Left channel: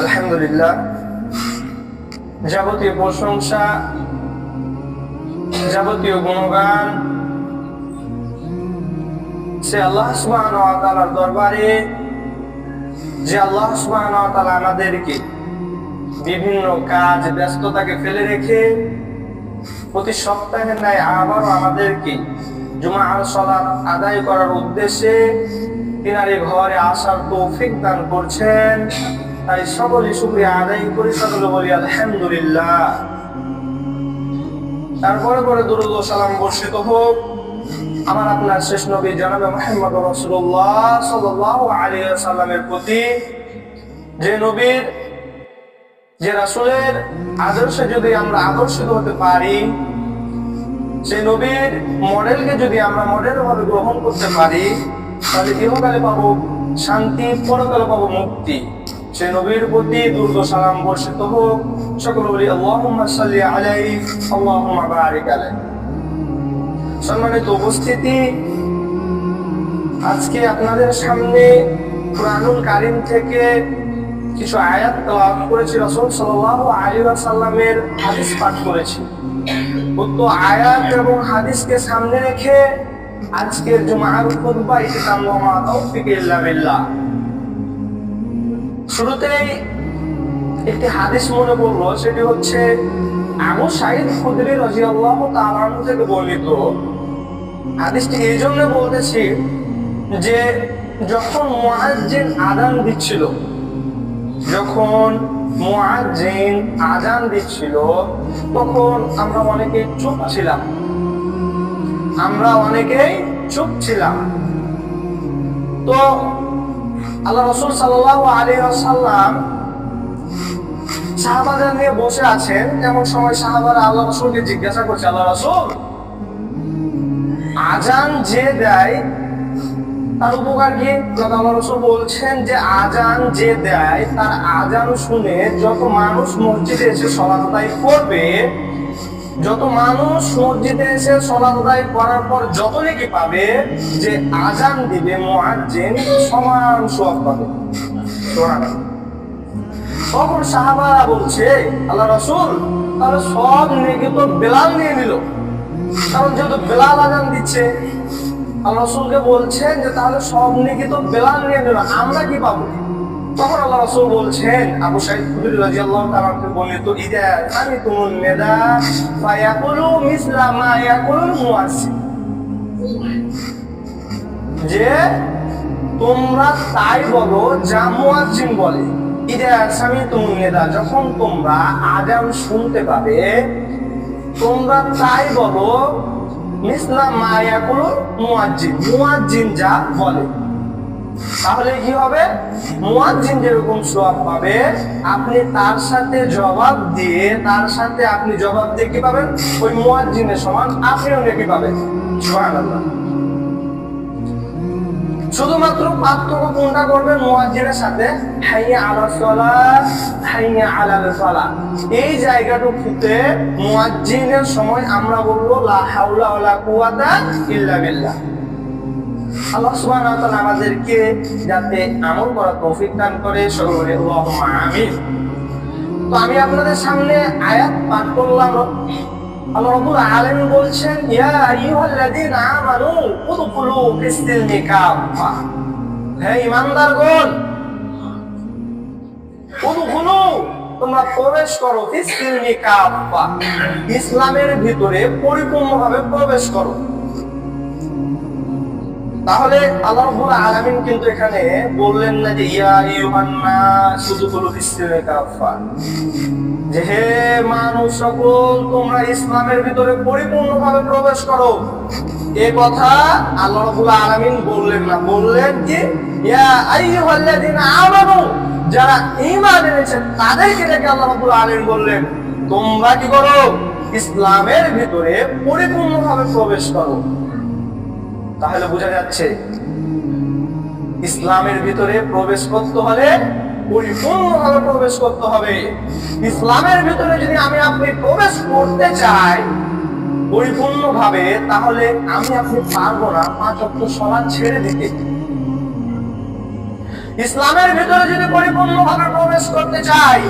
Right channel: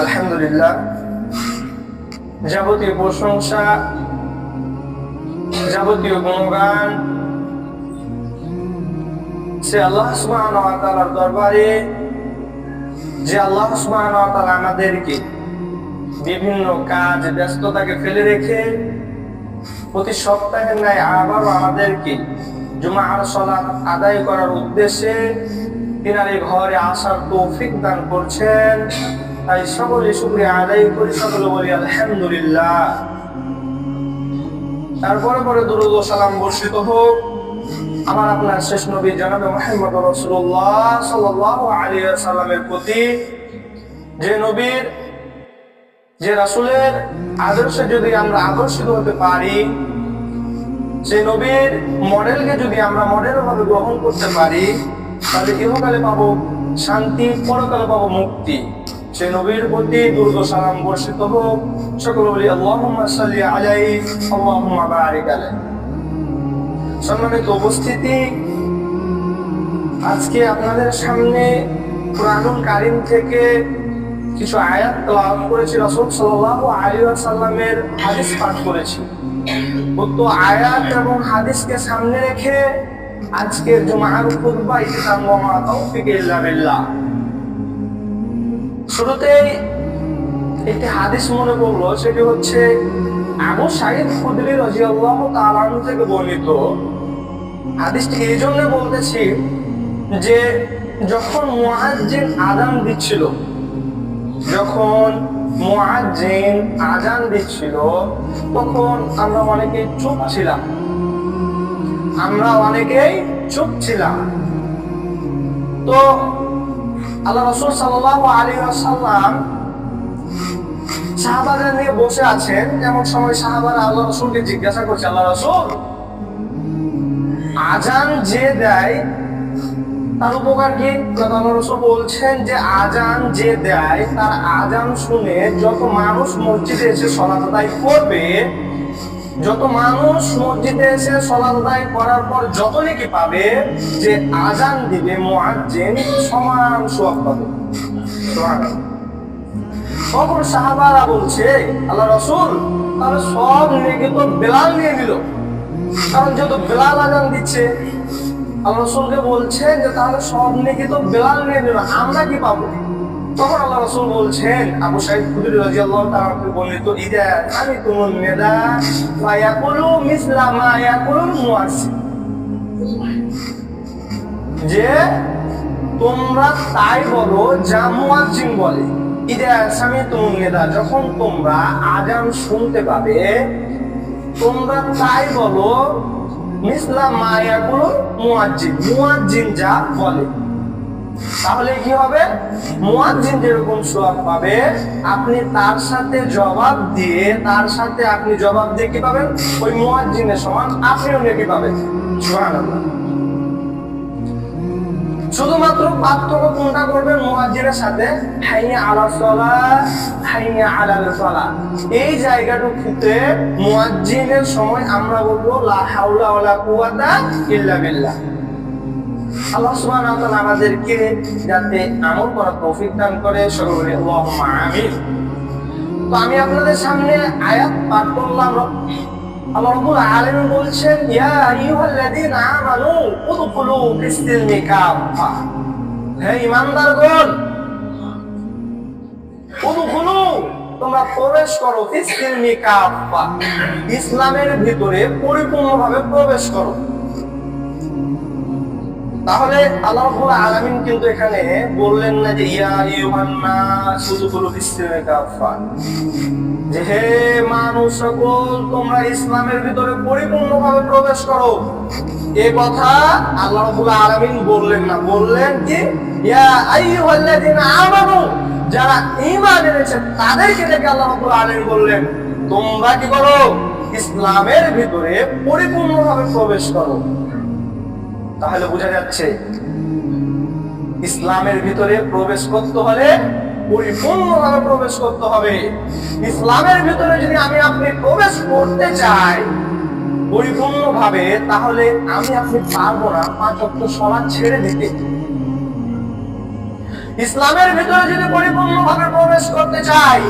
আলহামদুলিল্লাহ, যাবতীয় প্রশংসা, যাবতীয় গুণগান সে আল্লাহ সুবহানাহু ওয়া তাআলার দরবারে, যে আল্লাহ সুবহানাহু ওয়া তাআলা আমাদেরকে বিভিন্ন কাজ ব্যস্ততাকে ফেলে রেখে প্রতি সপ্তাহের ন্যায় আবারও আমাদেরকে জুমার সালাত আদায় করার উদ্দেশ্যে তিনার এই ঘরে আসার তৌফিক দান করছেন। তাই সকলে শুকরিয়া আদায় করি, সকলে বলি আলহামদুলিল্লাহ। তারপরে পরে দুরূদ ও সালাম বর্ষিত হোক আমার আপনার শেষ নবী জনাবে মুহাম্মদ রাসূলুল্লাহ সাল্লাল্লাহু আলাইহি ওয়াসাল্লামের প্রতি, যে নবীর, যে রাসূলের আদর্শে যদি আমরা আদর্শিত হতে পারি, সেই নবীর মডেলকে যদি আমরা মডেল ভাবে গ্রহণ করতে পারি, তাহলে ইহকালে পাবো শান্তি, পরকালে পাবো মুক্তি। সেই নবীর প্রতি দুরূদ ও সালাম বর্ষিত হোক, সকলে বলি আল্লাহুম্মা সাল্লি আলাইহি আল্লাহুম্মা বারিক আলাইহি। সম্মানিত উপস্থিতি, আজকে আপনাদের সামনে কুরআনুল কারীম থেকে কিছু আয়াত তেলাওয়াত করেছি, রাসূল সাল্লাল্লাহু আলাইহি ওয়াসাল্লামের হাদিস পাঠ করেছি। উক্ত আয়াত এবং হাদিসকে সামনে রেখে আজকের জুমার খুতবা ইতিতাম ওয়া মা তাওফিক ইল্লা বিল্লাহ। শুরুতেই একটি হাদিস মনে পড়লো, সেটি হচ্ছে আবু সাঈদ খুদরি রাদিয়াল্লাহু তাআলা আনহু থেকে বর্ণিত। হাদিসটি এই জন্য বলতেছি যে যখন মুয়াজ্জিন আযান দিচ্ছিল, যখন মুয়াজ্জিন আযান দিচ্ছিল তখন আমরা অনেকেই চুপ ছিলাম। তো আল্লাহ রাসূল সাল্লাল্লাহু আলাইহি ওয়াসাল্লাম সাহাবাদের নিয়ে বসে আছেন। এমন সময় সাহাবারা আল্লাহ রাসূলকে জিজ্ঞাসা করছে, আল্লাহ রাসূল, আযান যে দেয় তার উপকার কি? আল্লাহ রাসূল বলছেন যে আযান যে দেয় তার আযান শুনে যত মানুষ মসজিদে এসে সালাত আদায় করবে, যত মানুষ মসজিদে এসে সালাত আদায় করার পর যত নেকি পাবে, যে আযান দিবে মুয়াজ্জিন সমান সওয়াব পাবে। সুবহানাল্লাহ। তখন সাহাবারা বলছে, আল্লাহ রাসূল, তাহলে সব নেকি তো বেলাল নিয়ে নিল, কারণ যেহেতু বেলাল আযান দিচ্ছে। আল্লাহ রাসূলকে বলছেন যে তাহলে সব নেকি তো বেলাল নিয়ে নিল, আমরা কি পাবো? তখন আল্লাহ রাসূল বলছেন, আবু সাঈদ খুদরি রাদিয়াল্লাহু তাআলা থেকে বর্ণিত, ইদা সামিতুমুন নিদা ফায়াকুলু মিসলা মা ইয়াকুলুল মুয়াজ্জিন, যে তোমরা তাই বলো যা মুয়াজ্জিন বলে। ইদা সামিতুমুন নিদা, যখন তোমরা আযান শুনতে পাবে তোমরা তাই বলো মিসলা মা ইয়াকুলুল মুয়াজ্জিন, মুয়াজ্জিন যা বলে। তাহলে কি হবে? মুয়াজ্জিন যেরকম সওয়াব পাবে, আপনি তার সাথে জবাব দিয়ে কি পাবেন? ওই মুয়াজ্জিনের সমান আপনিও নেকি পাবেন। সুবহানাল্লাহ। শুধুমাত্র পার্থক্য কোনটা করবেন মুয়াজ্জিনের সাথে? হাইয়া আলাস সালাত, হাইয়া আলাল ফালাহ। এই জায়গাটুকুতে মুয়াজ্জিনের সময় আমরা বলবো লা হাওলা ওয়ালা কুওয়াতা ইল্লা বিল্লাহ। আল্লাহ সুবহানাহু ওয়া তাআলা আমাদেরকে যাতে আমল করার তৌফিক দান করে, সকলে বলি আল্লাহুম্মা আমিন। তো আমি আপনাদের সামনে আয়াত পাঠ করলাম। আল্লাহ রাব্বুল আলামিন বলছেন, ইয়া আইয়ুহাল্লাযীনা আমানু উদখুলু ফিস-সিলমি কাফা, হে ঈমানদারগণ, উদখুলু, তোমরা প্রবেশ করো, ফিস-সিলমি কাফা, ইসলামের ভিতরে পরিপূর্ণভাবে প্রবেশ করো। তাহলে আল্লাহ রাব্বুল আলামিন কিন্তু এখানে বললেন না যে ইয়া আইয়ুহান নাস উদখুলু ফিস-সিলমি কাফা, যে হে মানুষ সকল তোমরা ইসলামের ভিতরে পরিপূর্ণভাবে প্রবেশ করো। এ কথা আল্লাহ রাব্বুল আলামিন বললেন না, বললেন কি ইয়া আইয়ুহাল্লাযীনা আমানু, যারা ঈমান এনেছে তাদেরকে ডেকে আল্লাহ রাব্বুল আলামিন বললেন তোমরা কি করো? ইসলামের ভিতরে পরিপূর্ণভাবে প্রবেশ করো। তাহলে বোঝা যাচ্ছে ইসলামের ভিতরে প্রবেশ করতে হলে পরিপূর্ণভাবে প্রবেশ করতে হবে। ইসলামের ভিতরে যদি আমি আপনি প্রবেশ করতে চাই পরিপূর্ণভাবে, তাহলে আমি আপনি পারবো না 5 ওয়াক্ত সালাত ছেড়ে দিতে। ইসলামের ভিতরে যদি পরিপূর্ণভাবে প্রবেশ করতে চাই,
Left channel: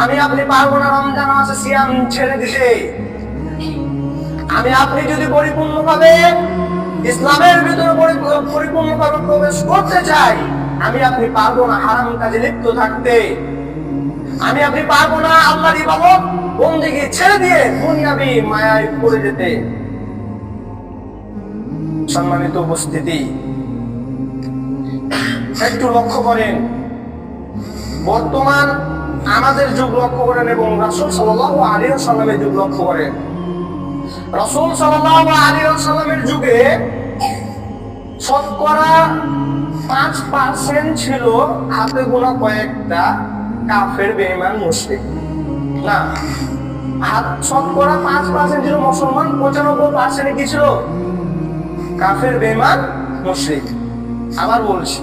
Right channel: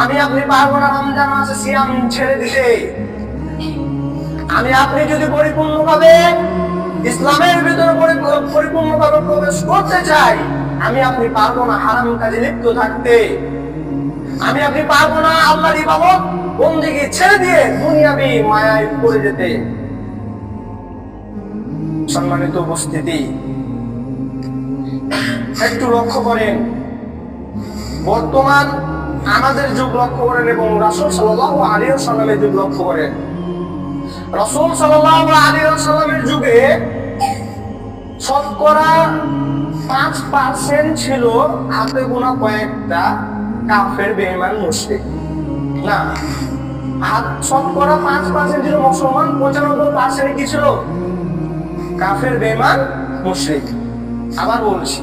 আমি আপনি পারবো না রমজান মাসে সিয়াম ছেড়ে দিতে। আমি আপনি যদি পরিপূর্ণভাবে ইসলামের ভিতরে পরিপূর্ণভাবে প্রবেশ করতে চাই, আমি আপনি পারবো না হারাম কাজে লিপ্ত থাকতে। আমি আপনি পারবো না আল্লাহর ইবাদত বন্দেগী ছেড়ে দিয়ে দুনিয়াবি মায়ায় পড়ে যেতে। সম্মানিত উপস্থিতি, একটু লক্ষ্য করেন, বর্তমান আমাদের যুগ লক্ষ্য করেন এবং রাসূল সাল্লাল্লাহু আলাইহি ওয়াসাল্লামের যুগ লক্ষ্য করেন। রাসূল সাল্লাল্লাহু আলাইহি ওয়াসাল্লামের যুগে শতকরা 5% ছিল হাতে গোনা কয়েকটা কাফের বেঈমান মুশরিক। না, শতকরা 5% ছিল মুসলমান, 95% কি ছিল? কাফের বেঈমান মুশরিক। আবার বলছি,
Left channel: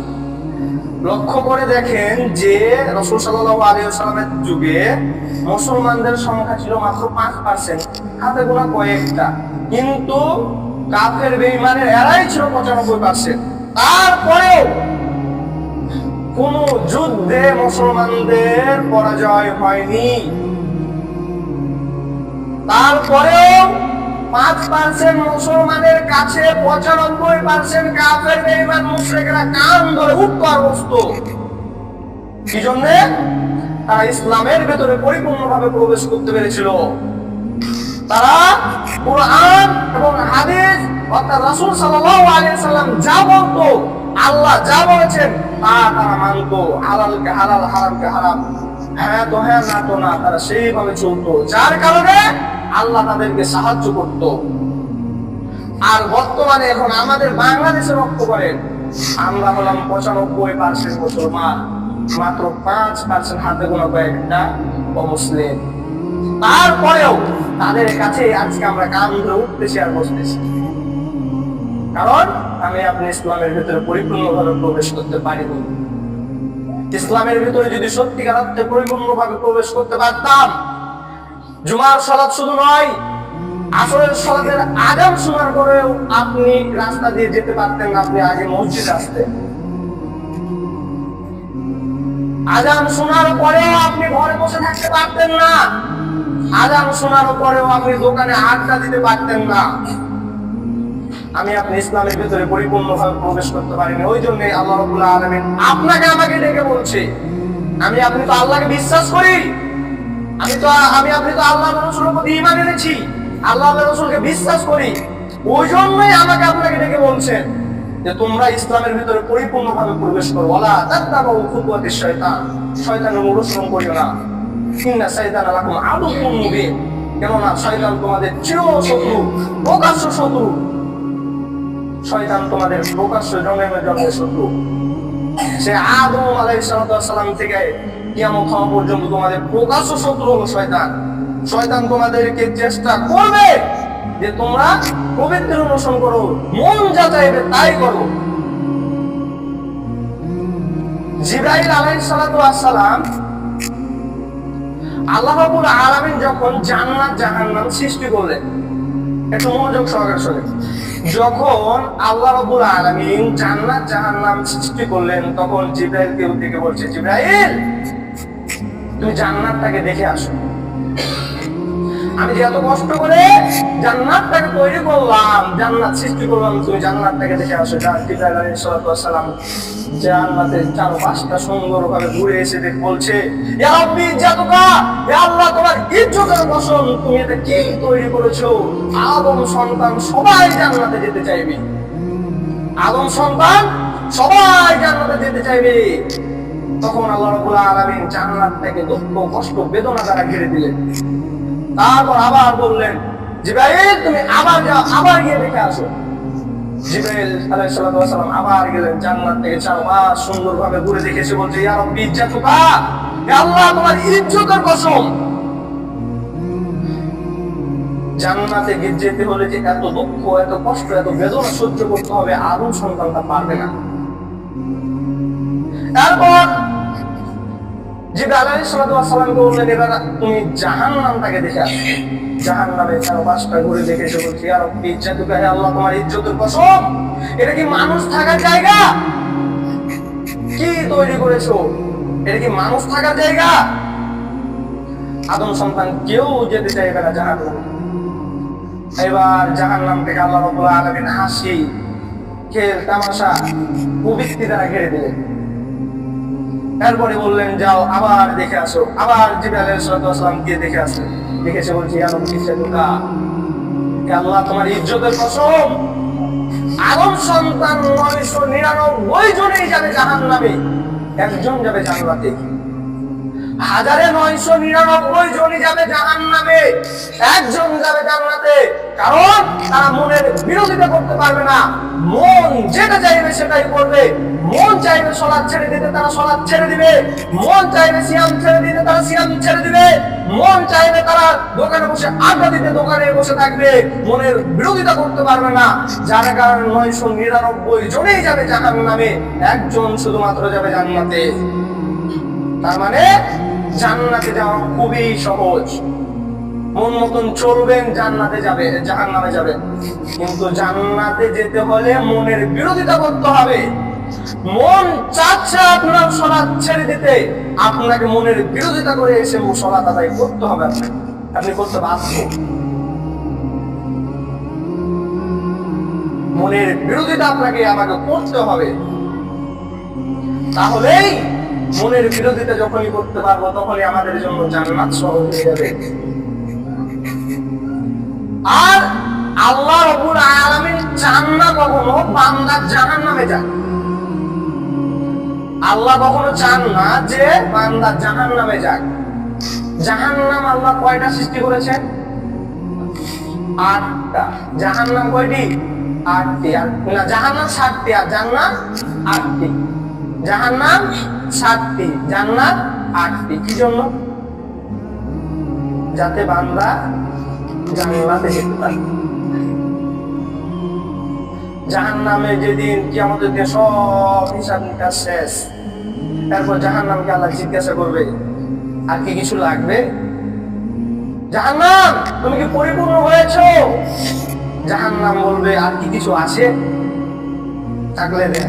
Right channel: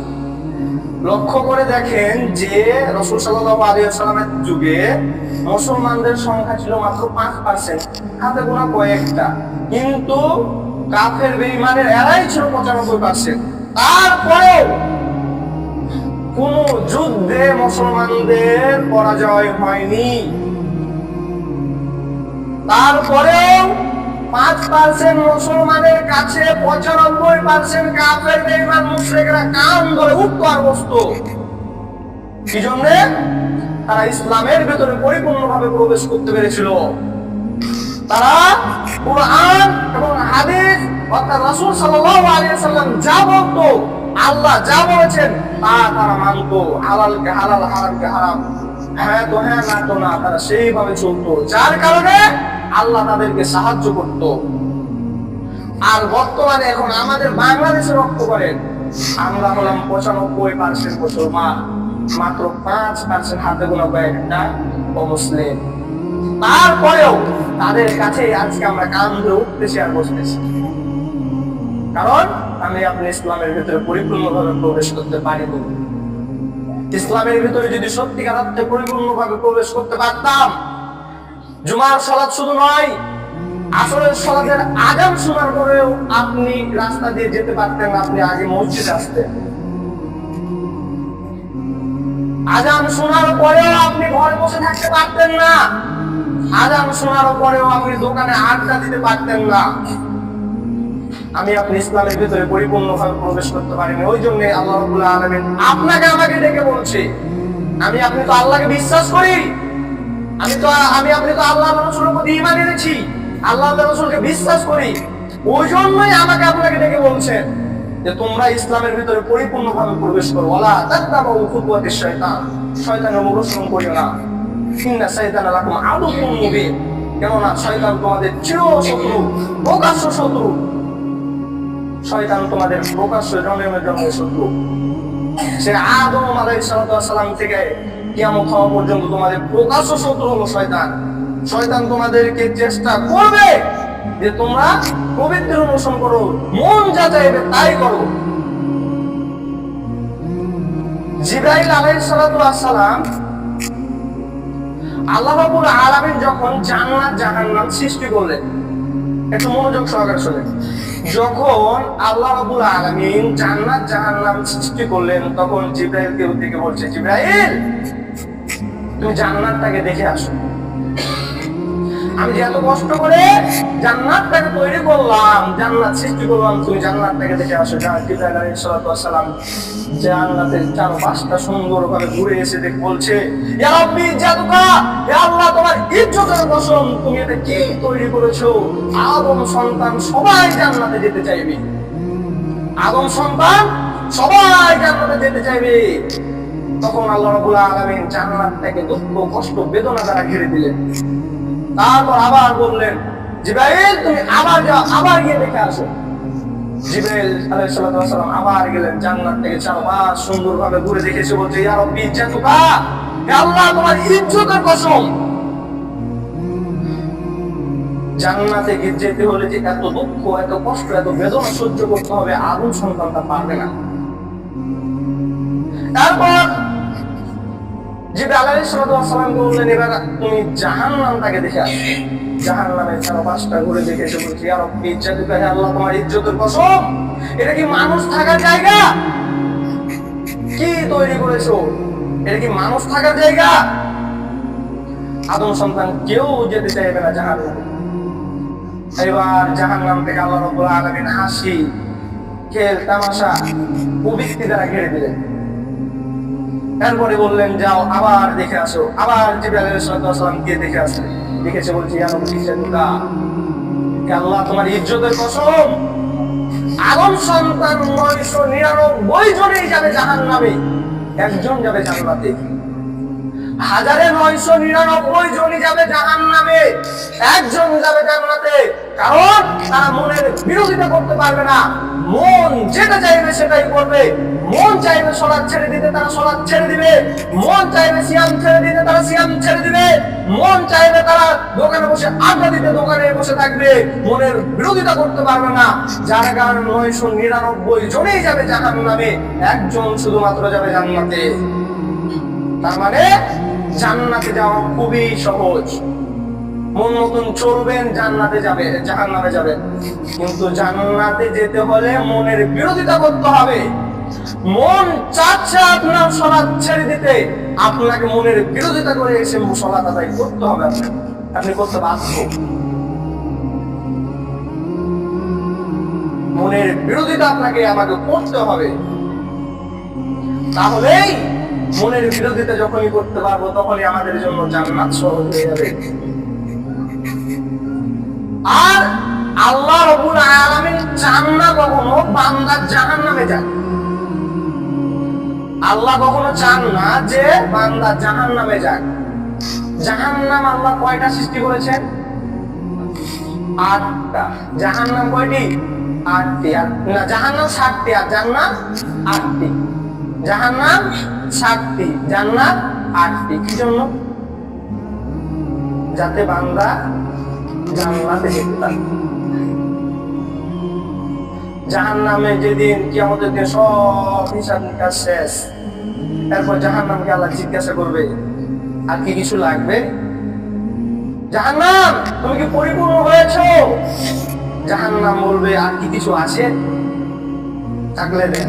লক্ষ্য করে দেখেন যে রাসূল সাল্লাল্লাহু আলাইহি ওয়াসাল্লামের যুগে মুসলমানদের সংখ্যা ছিল মাত্র 5%, হাতে গোনা কয়েকটা, কিন্তু কাফের বেঈমানের এরাই ছিল 95%। তারপরেও কোন যুদ্ধে মুসলমানদের পরাজয় হয়নি। তারপরেও 5% মুসলমানের কাছে 95% কাফের বেঈমান মুশরিকরা কান ধরে উঠতো আর বসতো। কি জন্য? তারা ইসলামের ভেতরে পরিপূর্ণভাবে প্রবেশ করতে পেরেছিল। তারা কুরআন এবং হাদিস অর্থাৎ রাসূল সাল্লাল্লাহু আলাইহি ওয়াসাল্লাম যা বলতো, আল্লাহ যা বলেছেন তা তারা মানতো। হালালকে হালাল, হারামকে হারাম, হ্যাঁ তো হ্যাঁ, না তো না, তারা সেইভাবে চলতো, যার কারণে আল্লাহ তাদেরকে সাহায্য করত। আর বর্তমানে এখন আমাদের বাংলাদেশে লক্ষ্য করেন, আমরা হলাম 95% মুসলমান, মাত্র 5% হাতে গোনা কয়েকটা অমুসলিম। তারপরেও তাদের কাছে আজকে আমরা কান ধরে উঠতেছি আর বসতেছি, কারণ আমি আপনি ইসলামের ভিতরে পরিপূর্ণভাবে প্রবেশ করতে পারিনি। ইসলামের ভিতরে যদি সত্যিকার অর্থে পরিপূর্ণভাবে প্রবেশ করতে পারতাম, জুমার সালাত শুধু নয়, আসরের সালাতের আযান শোনার পরেও আপনি রাস্তা দিয়ে যেতে পারতেন না, আপনি আগে মসজিদে আসতেন। আযান শোনার পরেও আপনি ঘরে বসে থাকতে পারতেন না, আযান শোনার পরেও আপনি দোকানে আড্ডা দিতে পারতেন না। আমি আপনি ইসলামের ভিতরে পরিপূর্ণভাবে প্রবেশ করতে পারিনি। ওই জন্য আল্লাহ রাব্বুল আলামিন আপনাকে আমাকে ডেকে বলছে, আমি আপনি তো আল্লাহকে বিশ্বাস করি, আমি আপনি তো আল্লাহ রাসূলের প্রতি ঈমান এনেছি, আল্লাহ রাসূলকে বিশ্বাস করি। ওই জন্যই আমাকে আপনাকে ডেকে বলছেন যে তোমরা ইসলামের ভিতরে পরিপূর্ণভাবে প্রবেশ করো। ওয়ালা তাত্তাবু খুতুওয়াতিশ শয়তান, শয়তানের অনুসরণ করিও না। ইন্না শাইতানা লাকুম আদুউম মুবিন, কেননা শয়তান তোমাদের চির শত্রু, প্রকাশ্য শত্রু। শয়তান তোমাদের প্রকাশ্য জন্মের শত্রু। সে আদম আলাইহিস সালাম থেকে কিয়ামত হওয়া পর্যন্ত তোমাদের প্রকাশ্য শত্রু হলো শয়তান। শয়তান তোমাদেরকে চেষ্টা করবে যে তোমরা প্রবৃত্তির অনুসরণ করো, মন যা চাইবে তাই করো। জিবরাইল আলাইহিস সালাম আল্লাহ রাব্বুল আলামিন যখন জান্নাত জাহান্নাম সৃষ্টি করলেন, একটু মনোযোগ সহকারে শোনেন, যখন আল্লাহ রাব্বুল আলামিন জান্নাত জাহান্নাম সৃষ্টি করলেন, তখন জিবরাইলকে উঠে বলছে, জিবরাইল তুমি জান্নাতটাকে দেখে আসো। আমি যে এত কষ্ট করে জান্নাতটাকে তৈরি করলাম, জান্নাত সৃষ্টি করলাম, তুমি জান্নাতটাকে দেখে আসো। জিবরাইল আলাইহিস সালাম জান্নাতের চারপাশটা সুন্দরভাবে ঘুরে এসে বলছে, ইয়া রাব্বি ইজ্জাতুকা, হে আল্লাহ তোমার ইজ্জতের কসম, তুমি এটা কি তৈরি করেছো? আদম সন্তান সবাই জান্নাতে যেতে চাইবে, আদম সন্তান সবাই জান্নাতে যেতে চাইবে। তখন আল্লাহ রাব্বুল আলামিন জান্নাতটাকে দুঃখ, কষ্ট, বেদনা দ্বারা ঘিরে দিলেন। তারপর আবার বললেন, জিবরাইল তুমি আবার যাও, আবার গিয়ে দেখে আসো। জিবরাইল আলাইহিস সালাম আবার গেলেন, জান্নাত থেকে চারপাশ সুন্দরভাবে ঘুরে দেখে এসে বলছে, ইয়া রাব্বি ইজ্জাতুকা, হে আল্লাহ তোমার ইজ্জতের কসম, জান্নাতে যেতে হলে যে এত দুঃখ, এত কষ্ট, এত বেদনা সহ্য করতে হবে, আদম সন্তানটা পারবে না। তারপর জিবরাইল আলাইহিস সালামকে বললেন, এবার তুমি জাহান্নামটাকে দেখে আসো। জাহান্নামের চারপাশটা ঘুরে দেখে এসে বলছে, ইয়া রাব্বি ইজ্জাতুকা, হে আল্লাহ তোমার ইজ্জতের কসম, এটা কি মানুষ থাকার জায়গা? কি তৈরি করেছো? এটা কি মানুষ থাকার জায়গা? আদম সন্তান কেউ যেতে চাইবে না জাহান্নামে। এবার জাহান্নাম থেকে আল্লাহ রাব্বুল আলামিন হাসি খেল তামাশা কুবৃত্তি দ্বারা ঘিরে দিলেন। এরপরে বললেন যাও আবার দেখে আসো। আবার জিবরাইল আলাইহিস সালাম গিয়ে দেখে আসলেন। দেখেছে, বলছে ইয়া রব্বি ইজ্জাতুকা, হে আল্লাহ তোমার ইজ্জতের কসম, আদম সন্তান 999 জনেই যাবে জাহান্নামে, একজন যাবে জান্নাতে। 1999 জনই যাবে জাহান্নামে, একজন যাবে জান্নাতে। কারণ তারা মনের বিরোধিতা করতে পারবে না। মন যেটা চাইবে সেটাই করবে। মন চাইবে সালাত ছেড়ে দিতে, তারা সালাত ছেড়ে দিবে। মন চাইবে সিয়াম ছেড়ে দিতে, তারা সিয়াম ছেড়ে দিবে। মন চাইবে তারা দোকানে বসে আড্ডা দিতে, দোকানে বসে থাকবে। মনের বিরোধিতা করতে পারবে না। যার কারণে 999 জনেই যাবে জাহান্নামে, একজন শুধুমাত্র যাবে জান্নাতে। তার মানে জান্নাতে যাওয়া খুবই সহজ। মন মতন চলবেন, জান্নাতে যাবে, জাহান্নামে যাবে। কিন্তু জান্নাতে যেতে হলে মনের বিরোধিতা করতে হবে। মন চাচ্ছে আপনার সালাত ছেড়ে দিতে, আপনাকে মনের বিরোধিতা করে এসে সালাত আদায় করতে হবে। আপনি করতে বাধ্য। মনের বিরোধিতা আপনাকে আমাকে করতে হবে। তাহলেই মনের বিরোধিতা যখনই করতে পারবো, তখনই আমাদের জন্য জান্নাত সহজ হয়ে যাবে। আর আল্লাহ রাব্বুল আলামিন চান না কখনো বান্দা জাহান্নামে যায়। আল্লাহ কখনো চান না যে বান্দা জাহান্নামে যাক। জাহান্নাম আল্লাহ কয়টা সৃষ্টি করেছেন? 8টা। জাহান্নাম কয়টি? 8টি। না, জাহান্নাম 7টি আর জান্নাত 8টি। জাহান্নাম 7টি, জান্নাত 8টি। কি জন্য? যাতে বান্দা জান্নাতে যেতে পারে। জাহান্নামে যেদিন কিয়ামতের দিন সব হিসাব নিকাশ শেষ, এরপর জাহান্নামকে আল্লাহ জিজ্ঞাসা করবে আর কি কিছু লাগবে? জাহান্নাম তুমি কি পরিপূর্ণ হয়েছো? জাহান্নাম বলবে আর কি কিছু আছে? থাকলে দেন।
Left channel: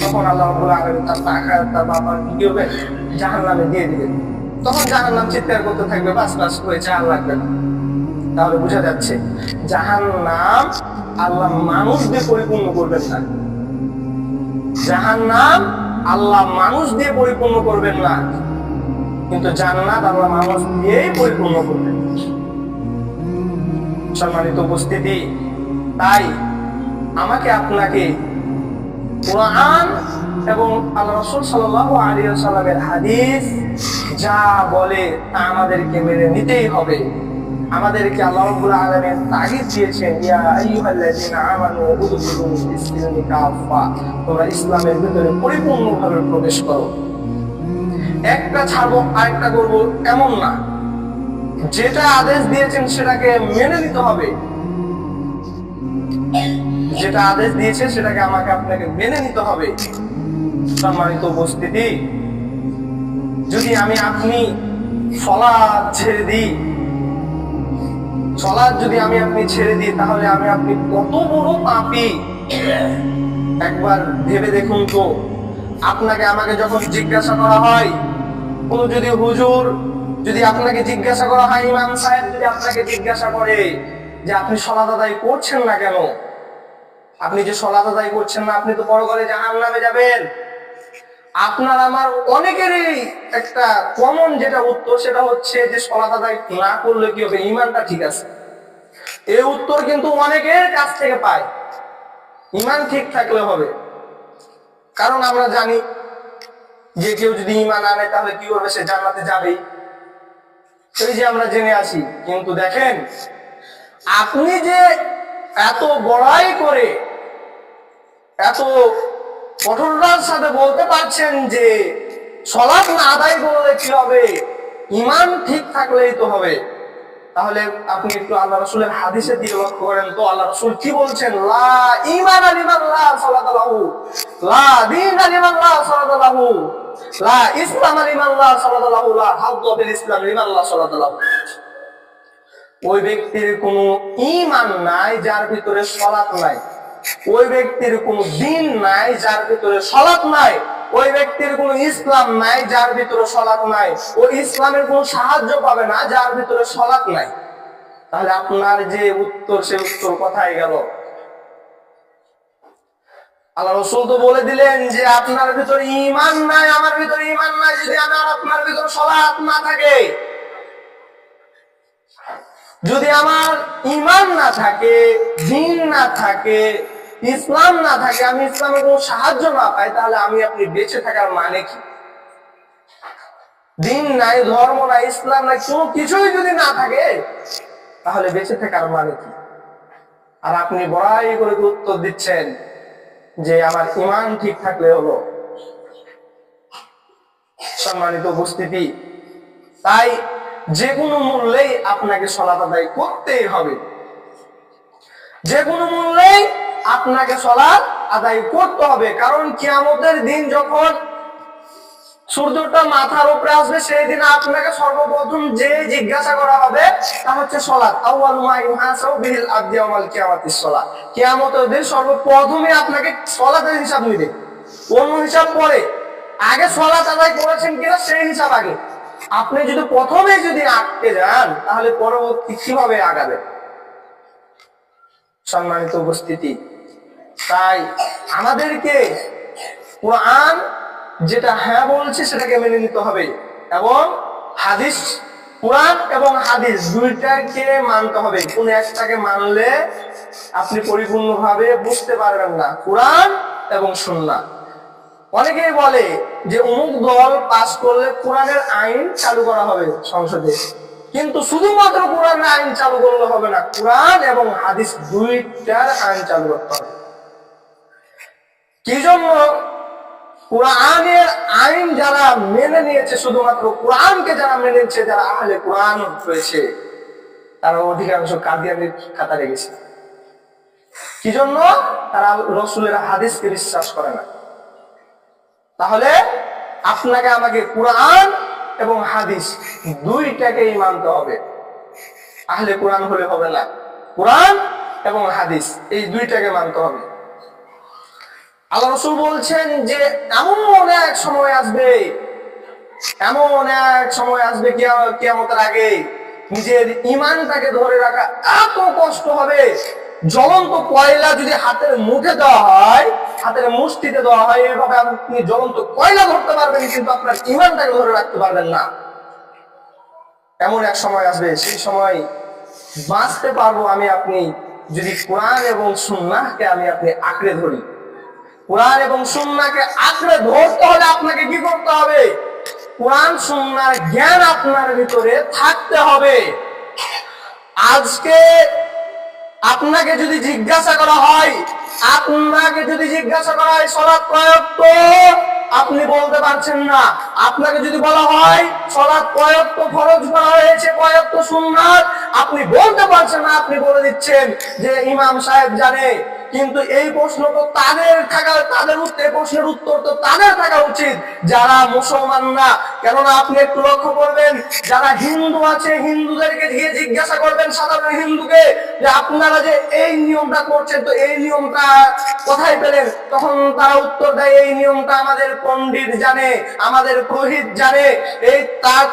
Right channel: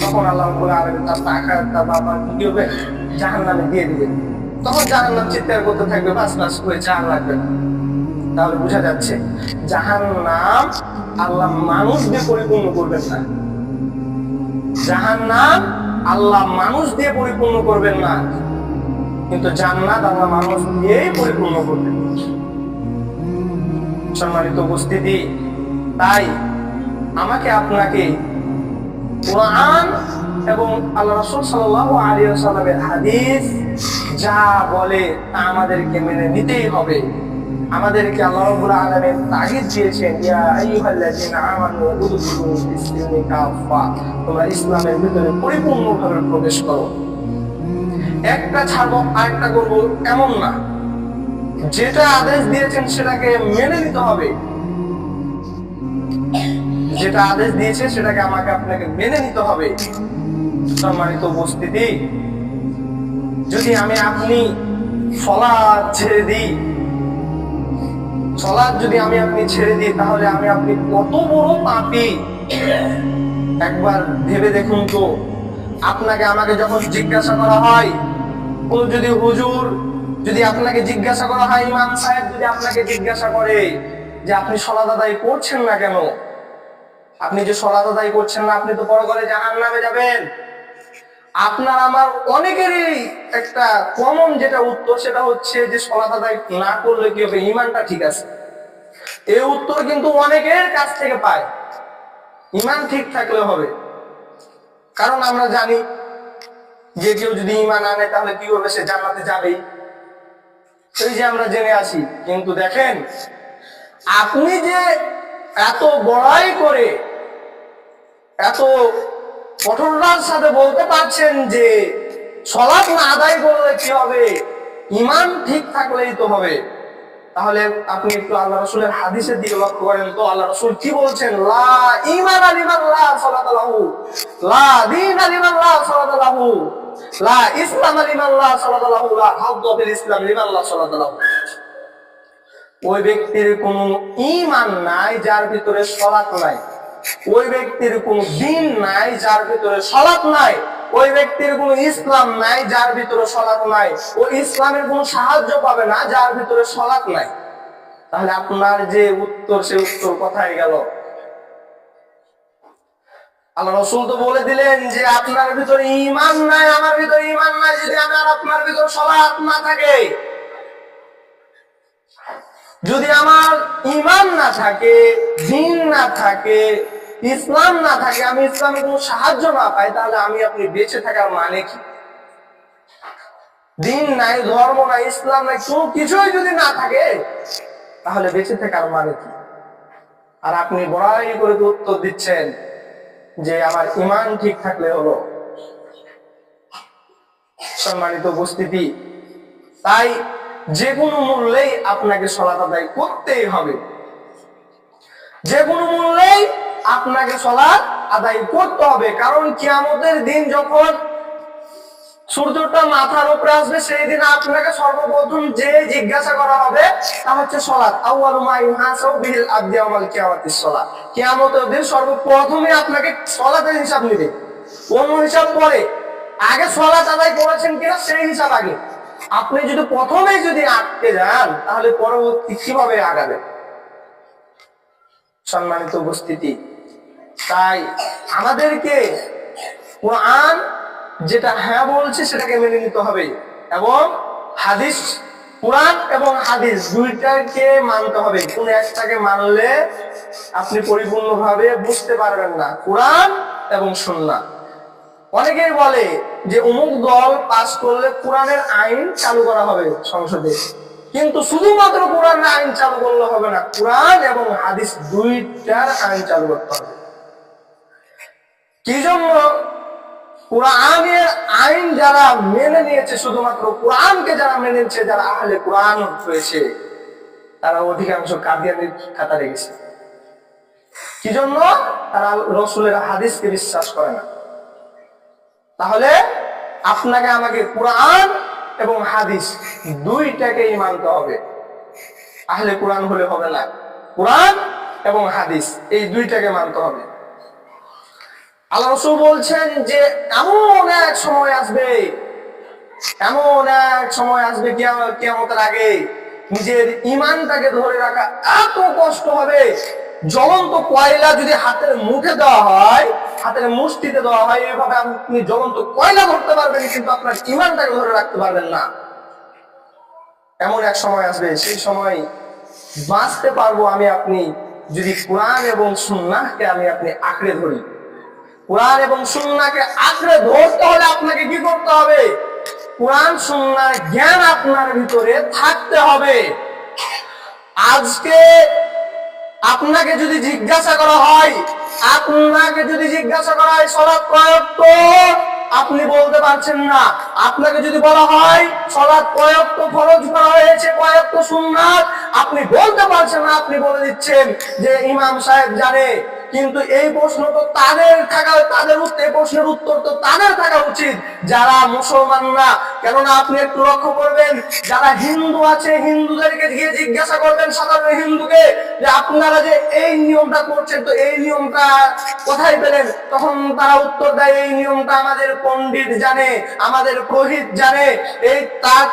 তখন আল্লাহ রাব্বুল আলামিন তার টাকা তার বাবা কি করবে? জাহান্নামে দিয়ে দিবেন। তখন জাহান্নাম চিৎকার করতে থাকবে, বাস বাস হয়েছে, আর লাগবে না। তাহলে বোঝা যাচ্ছে জাহান্নাম আল্লাহ মানুষ দিয়ে পরিপূর্ণ করবেন না। জাহান্নাম আল্লাহ মানুষ দিয়ে পরিপূর্ণ করবেন না, কিন্তু জান্নাত আল্লাহ মানুষ দিয়েই পরিপূর্ণ করবেন। সম্মানিত উপস্থিতি, তাই আমাকে আপনাকে কুরআন এবং আল্লাহ রাসূল সাল্লাল্লাহু আলাইহি ওয়াসাল্লামের হাদিস যা বলে তা আমাদেরকে মেনে নিতেই হবে। আমাদেরকে আল্লাহ রাব্বুল আলামিন তাগিদ দিয়েছেন, ইয়া আইয়ুহাল্লাযীনা আমানু উদখুলু ফিস-সিলমি কাফা, তোমরা ইসলামের ভিতরে পরিপূর্ণভাবে প্রবেশ করো। একটা ছাড়বো আরেকটা করবো এমন না। যেটা আদেশ দিয়েছেন সেটাকে মেনে নিতে হবে। যেটা আদেশ দিয়েছে সেটাকে আমাকে আপনাকে মেনে নিতে হবে। সম্মানিত উপস্থিতি, যদি আমি আপনি সালাত ছেড়ে দিই, সালাত যদি আমি আপনি ছেড়ে দিই, তাহলে আমি আপনি কত বড় পাপী একবার ভেবে দেখুন তো। আপনাকে আমাকে যখন জিজ্ঞাসা করা হয়, কোন যদি হুজুর যদি আপনাকে জিজ্ঞাসা করা হয়, ইমাম সাহেব যদি আপনাকে জিজ্ঞাসা করে যে আপনি সালাত আদায় করছেন না কেন, আপনি যে সালাত আদায় করছেন না, আপনি তো পরকালে জাহান্নামে যাবেন। আপনার আমার অনেকেরই একটা কমন যেটা উত্তর, সেটা হচ্ছে যে সালাত আদায় না করলে কি হবে, ঈমানটা ঠিক আছে। এই উত্তর কিন্তু অনেকের কাছ থেকে পায়, ঈমান ঠিক থাকলে হবে। কারণ আমরা জানি যে কেউ যদি ঈমান আনে তাহলে কি করবে, সে জান্নাতে যাবেই, এই যে আমরা জেনে আছি। কিন্তু দেখেন, আপনি যে এত বড়াই করে এত কঠোরতার সাথে বলতে পারছেন যে সালাত না আদায় করলে কি হবে, ঈমান ঠিক থাকলেই তো হবে, তাহলে আপনি একটু আল্লাহ রাসূলের হাদিসের দিকে লক্ষ্য করেন তো। আল্লাহ রাসূল কি বলছেন? লা ঈমান লিমান লা সালাতা লাহু, লা দীন লিমান লা সালাতা লাহু, লা ইসলাম লিমান লা সালাতা লাহু, লা হাযযা ফিল ইসলাম লিমান লা সালাতা লাহু। ওই ব্যক্তির কোনো ঈমান নাই যার ভিতরে সালাত নাই, ওই ব্যক্তির কোনো দ্বীন নাই যার ভিতরে সালাত নাই। ওই ব্যক্তির কোনো ইসলাম নাই যার ভিতরে সলাৎ নাই, ও ইসলামের কোনো সাহায্য পাবে না যার ভিতরে সলাৎ নাই। তাহলে আপনার যে উত্তর, সেই উত্তর কোথায় গেল? আল্লাহ রাসূল তো বলে দিলেন যে আপনার ভিতরে ঈমান নাই, আমার ভিতরে ঈমান নাই যদি আমার আপনার ভিতরে সালাত না থাকে। যদি আমার ঈমান না থাকে, দ্বীন না থাকে, ইসলাম না থাকে, আমি ইসলামের কোনো সাহায্য না পাই, তাহলে আমি আপনি বেঁচে থাকার মানে কি? দ্বীন নাই, ধর্ম নাই, ইসলাম নাই, কোনো কিছুই যদি না থাকে তাহলে বেঁচে থাকার মানে কি? আর আপনি বড়াই করে উত্তর দিচ্ছেন যে আমার ঈমান ঠিক থাকলে হলো। সম্মানিত উপস্থিতি, তাই যে কোনো মূল্যেই আপনাকে সালাত আদায় করতেই হবে। যে কোনো মূল্যেই আপনাকে সালাত আদায় করতে হবে। কারণ কিয়ামতের দিন যখন সূর্যটা মাথার উপরে আসবে, সেই দিন আপনাকে সর্বপ্রথম যে জিজ্ঞাসা করা হবে তা হচ্ছে সালাত। আউয়ালু মা ইউহাসাবু বিহিল আবদু ইয়াওমাল কিয়ামাতিস সালাত। কিয়ামতের দিন সর্বপ্রথমে আপনাকে সালাতের হিসাব নিবে, অন্য হিসাব পরে। আগে সালাত আদায় করেছেন কিনা সেই হিসাব আগে। আপনি যদি প্রথমে যদি আটকে যান তাহলে পরবর্তী কিভাবে আগাবে? সম্মানিত উপস্থিতি, তাই আমাদেরকে কোরআন যেটা হ্যাঁ বলছে সেটাকে মেনে নিতে হবে, এবং হাদিস, কোরআন এবং হাদিস দুইটাকে মানতে হবে। কোন একটাকে মানলে আপনি পরিপূর্ণভাবে বুঝতে পারবেন না। কোরআন এবং সুন্নাহ। অনেকেই বলে যে অমুক দল পাস করলে কোরআনের আইন চালু করা হবে সংসদে, কিন্তু শুধুমাত্র কোরআনের আইন চালু করলে হবে না, কোরআন এবং হাদিস দুইটার আইন চালু করতে হবে। কি জন্য? কোরআনের আইন যারা মেনে নিয়েছে, শুধুমাত্র কোরআনকে যারা মেনে নিয়েছে, যারা আহলে কোরআন হয়েছে, তারা অধিকাংশ কাদিয়ানির কাতারে গেছে। কি জন্য? তারা রাসূলের হাদিসকে বিশ্বাস করে না। তাহলে আপনাকে আমাকে কোরআন এবং হাদিস দুইটাকেই মানতে হবে। আহলে কোরআন হলে হবে না, কোরআন এবং হাদিস এই দুইটাকে মানতে হবে। আল্লাহ রাসূল বলছেন যে এমন এক সময় আসবে, এমন এক সময় আসবে কিয়ামতের আগে নিজের ঈমানটাকে ধরে রাখা এত কষ্ট হবে। জ্বলন্ত কয়লা যদি হাতের মুঠে দেওয়া হয়, হাতের মুষ্টিতে দেওয়া হয়, এভাবে আপনি জ্বলন্ত কয়লা ধরতে পারবেন, কিন্তু আপনার ঈমানটাকে ধরে রাখতে পারবেন না। এমন এক সময় আসবে, সেই সময় বাঁচতে পারবো আমি আপনি যদি কোরআন এবং সুন্নাহকে আমি আপনি আঁকড়ে ধরি। কোরআন এবং সুন্নাহকে আঁকড়ে ধরতে হলে আপনাকে কি করতে হবে? কোরআন সুন্নাহর জ্ঞান আপনার ভিতরে থাকতে হবে। আজকে আপনাকে যদি জিজ্ঞাসা করা হয়, সালাত কয় ওয়াক্ত, আপনি বলতে পারছেন না। আপনাকে যদি বলা হয় সালাত কয় ওয়াক্ত ফরজ করা হয়েছে, কয় ওয়াক্ত সুন্নাত, আপনি বলতে পারছেন না। আপনি বলে দিচ্ছেন যে ইমাম সাহেব জানে। কিন্তু এই প্রশ্ন তো তাদের থাকা, এই প্রশ্নের উত্তর তো তাদের থাকা উচিত যারা মুসলমান না। কেননা আপনি একটু লক্ষ্য করবেন, যারা হিন্দু আছে, হিন্দুদেরকে গিয়ে জিজ্ঞাসা করবেন, সাধারণ হিন্দুকে, যে আপনারা যে এই নিয়মটা করছেন, তো এই নিয়মটা কোথায় পেলেন? তখন তারা উত্তর দেয়, এই নিয়মটা আমাদের পণ্ডিত জানে, আমাদের পুরোহিত জানে। এই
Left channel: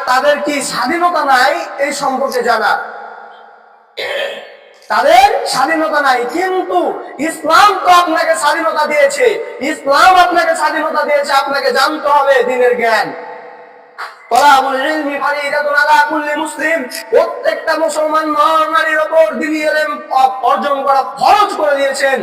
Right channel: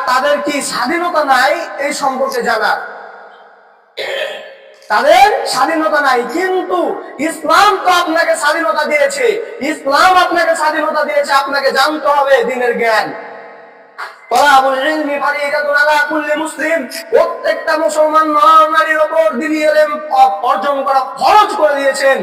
তাদের কি স্বাধীনতা নাই এই সম্পর্কে জানা? তাদের স্বাধীনতা নাই। কিন্তু ইসলাম তো আপনাকে স্বাধীনতা দিয়েছে, ইসলাম আপনাকে স্বাধীনতা দিয়েছে। আপনাকে জানতে হবে দ্বীনের জ্ঞান। প্রত্যেকটা মুসলমান নারীর উপর দ্বীনি ইলম অর্জন করা ফরজ করে দিয়েছেন।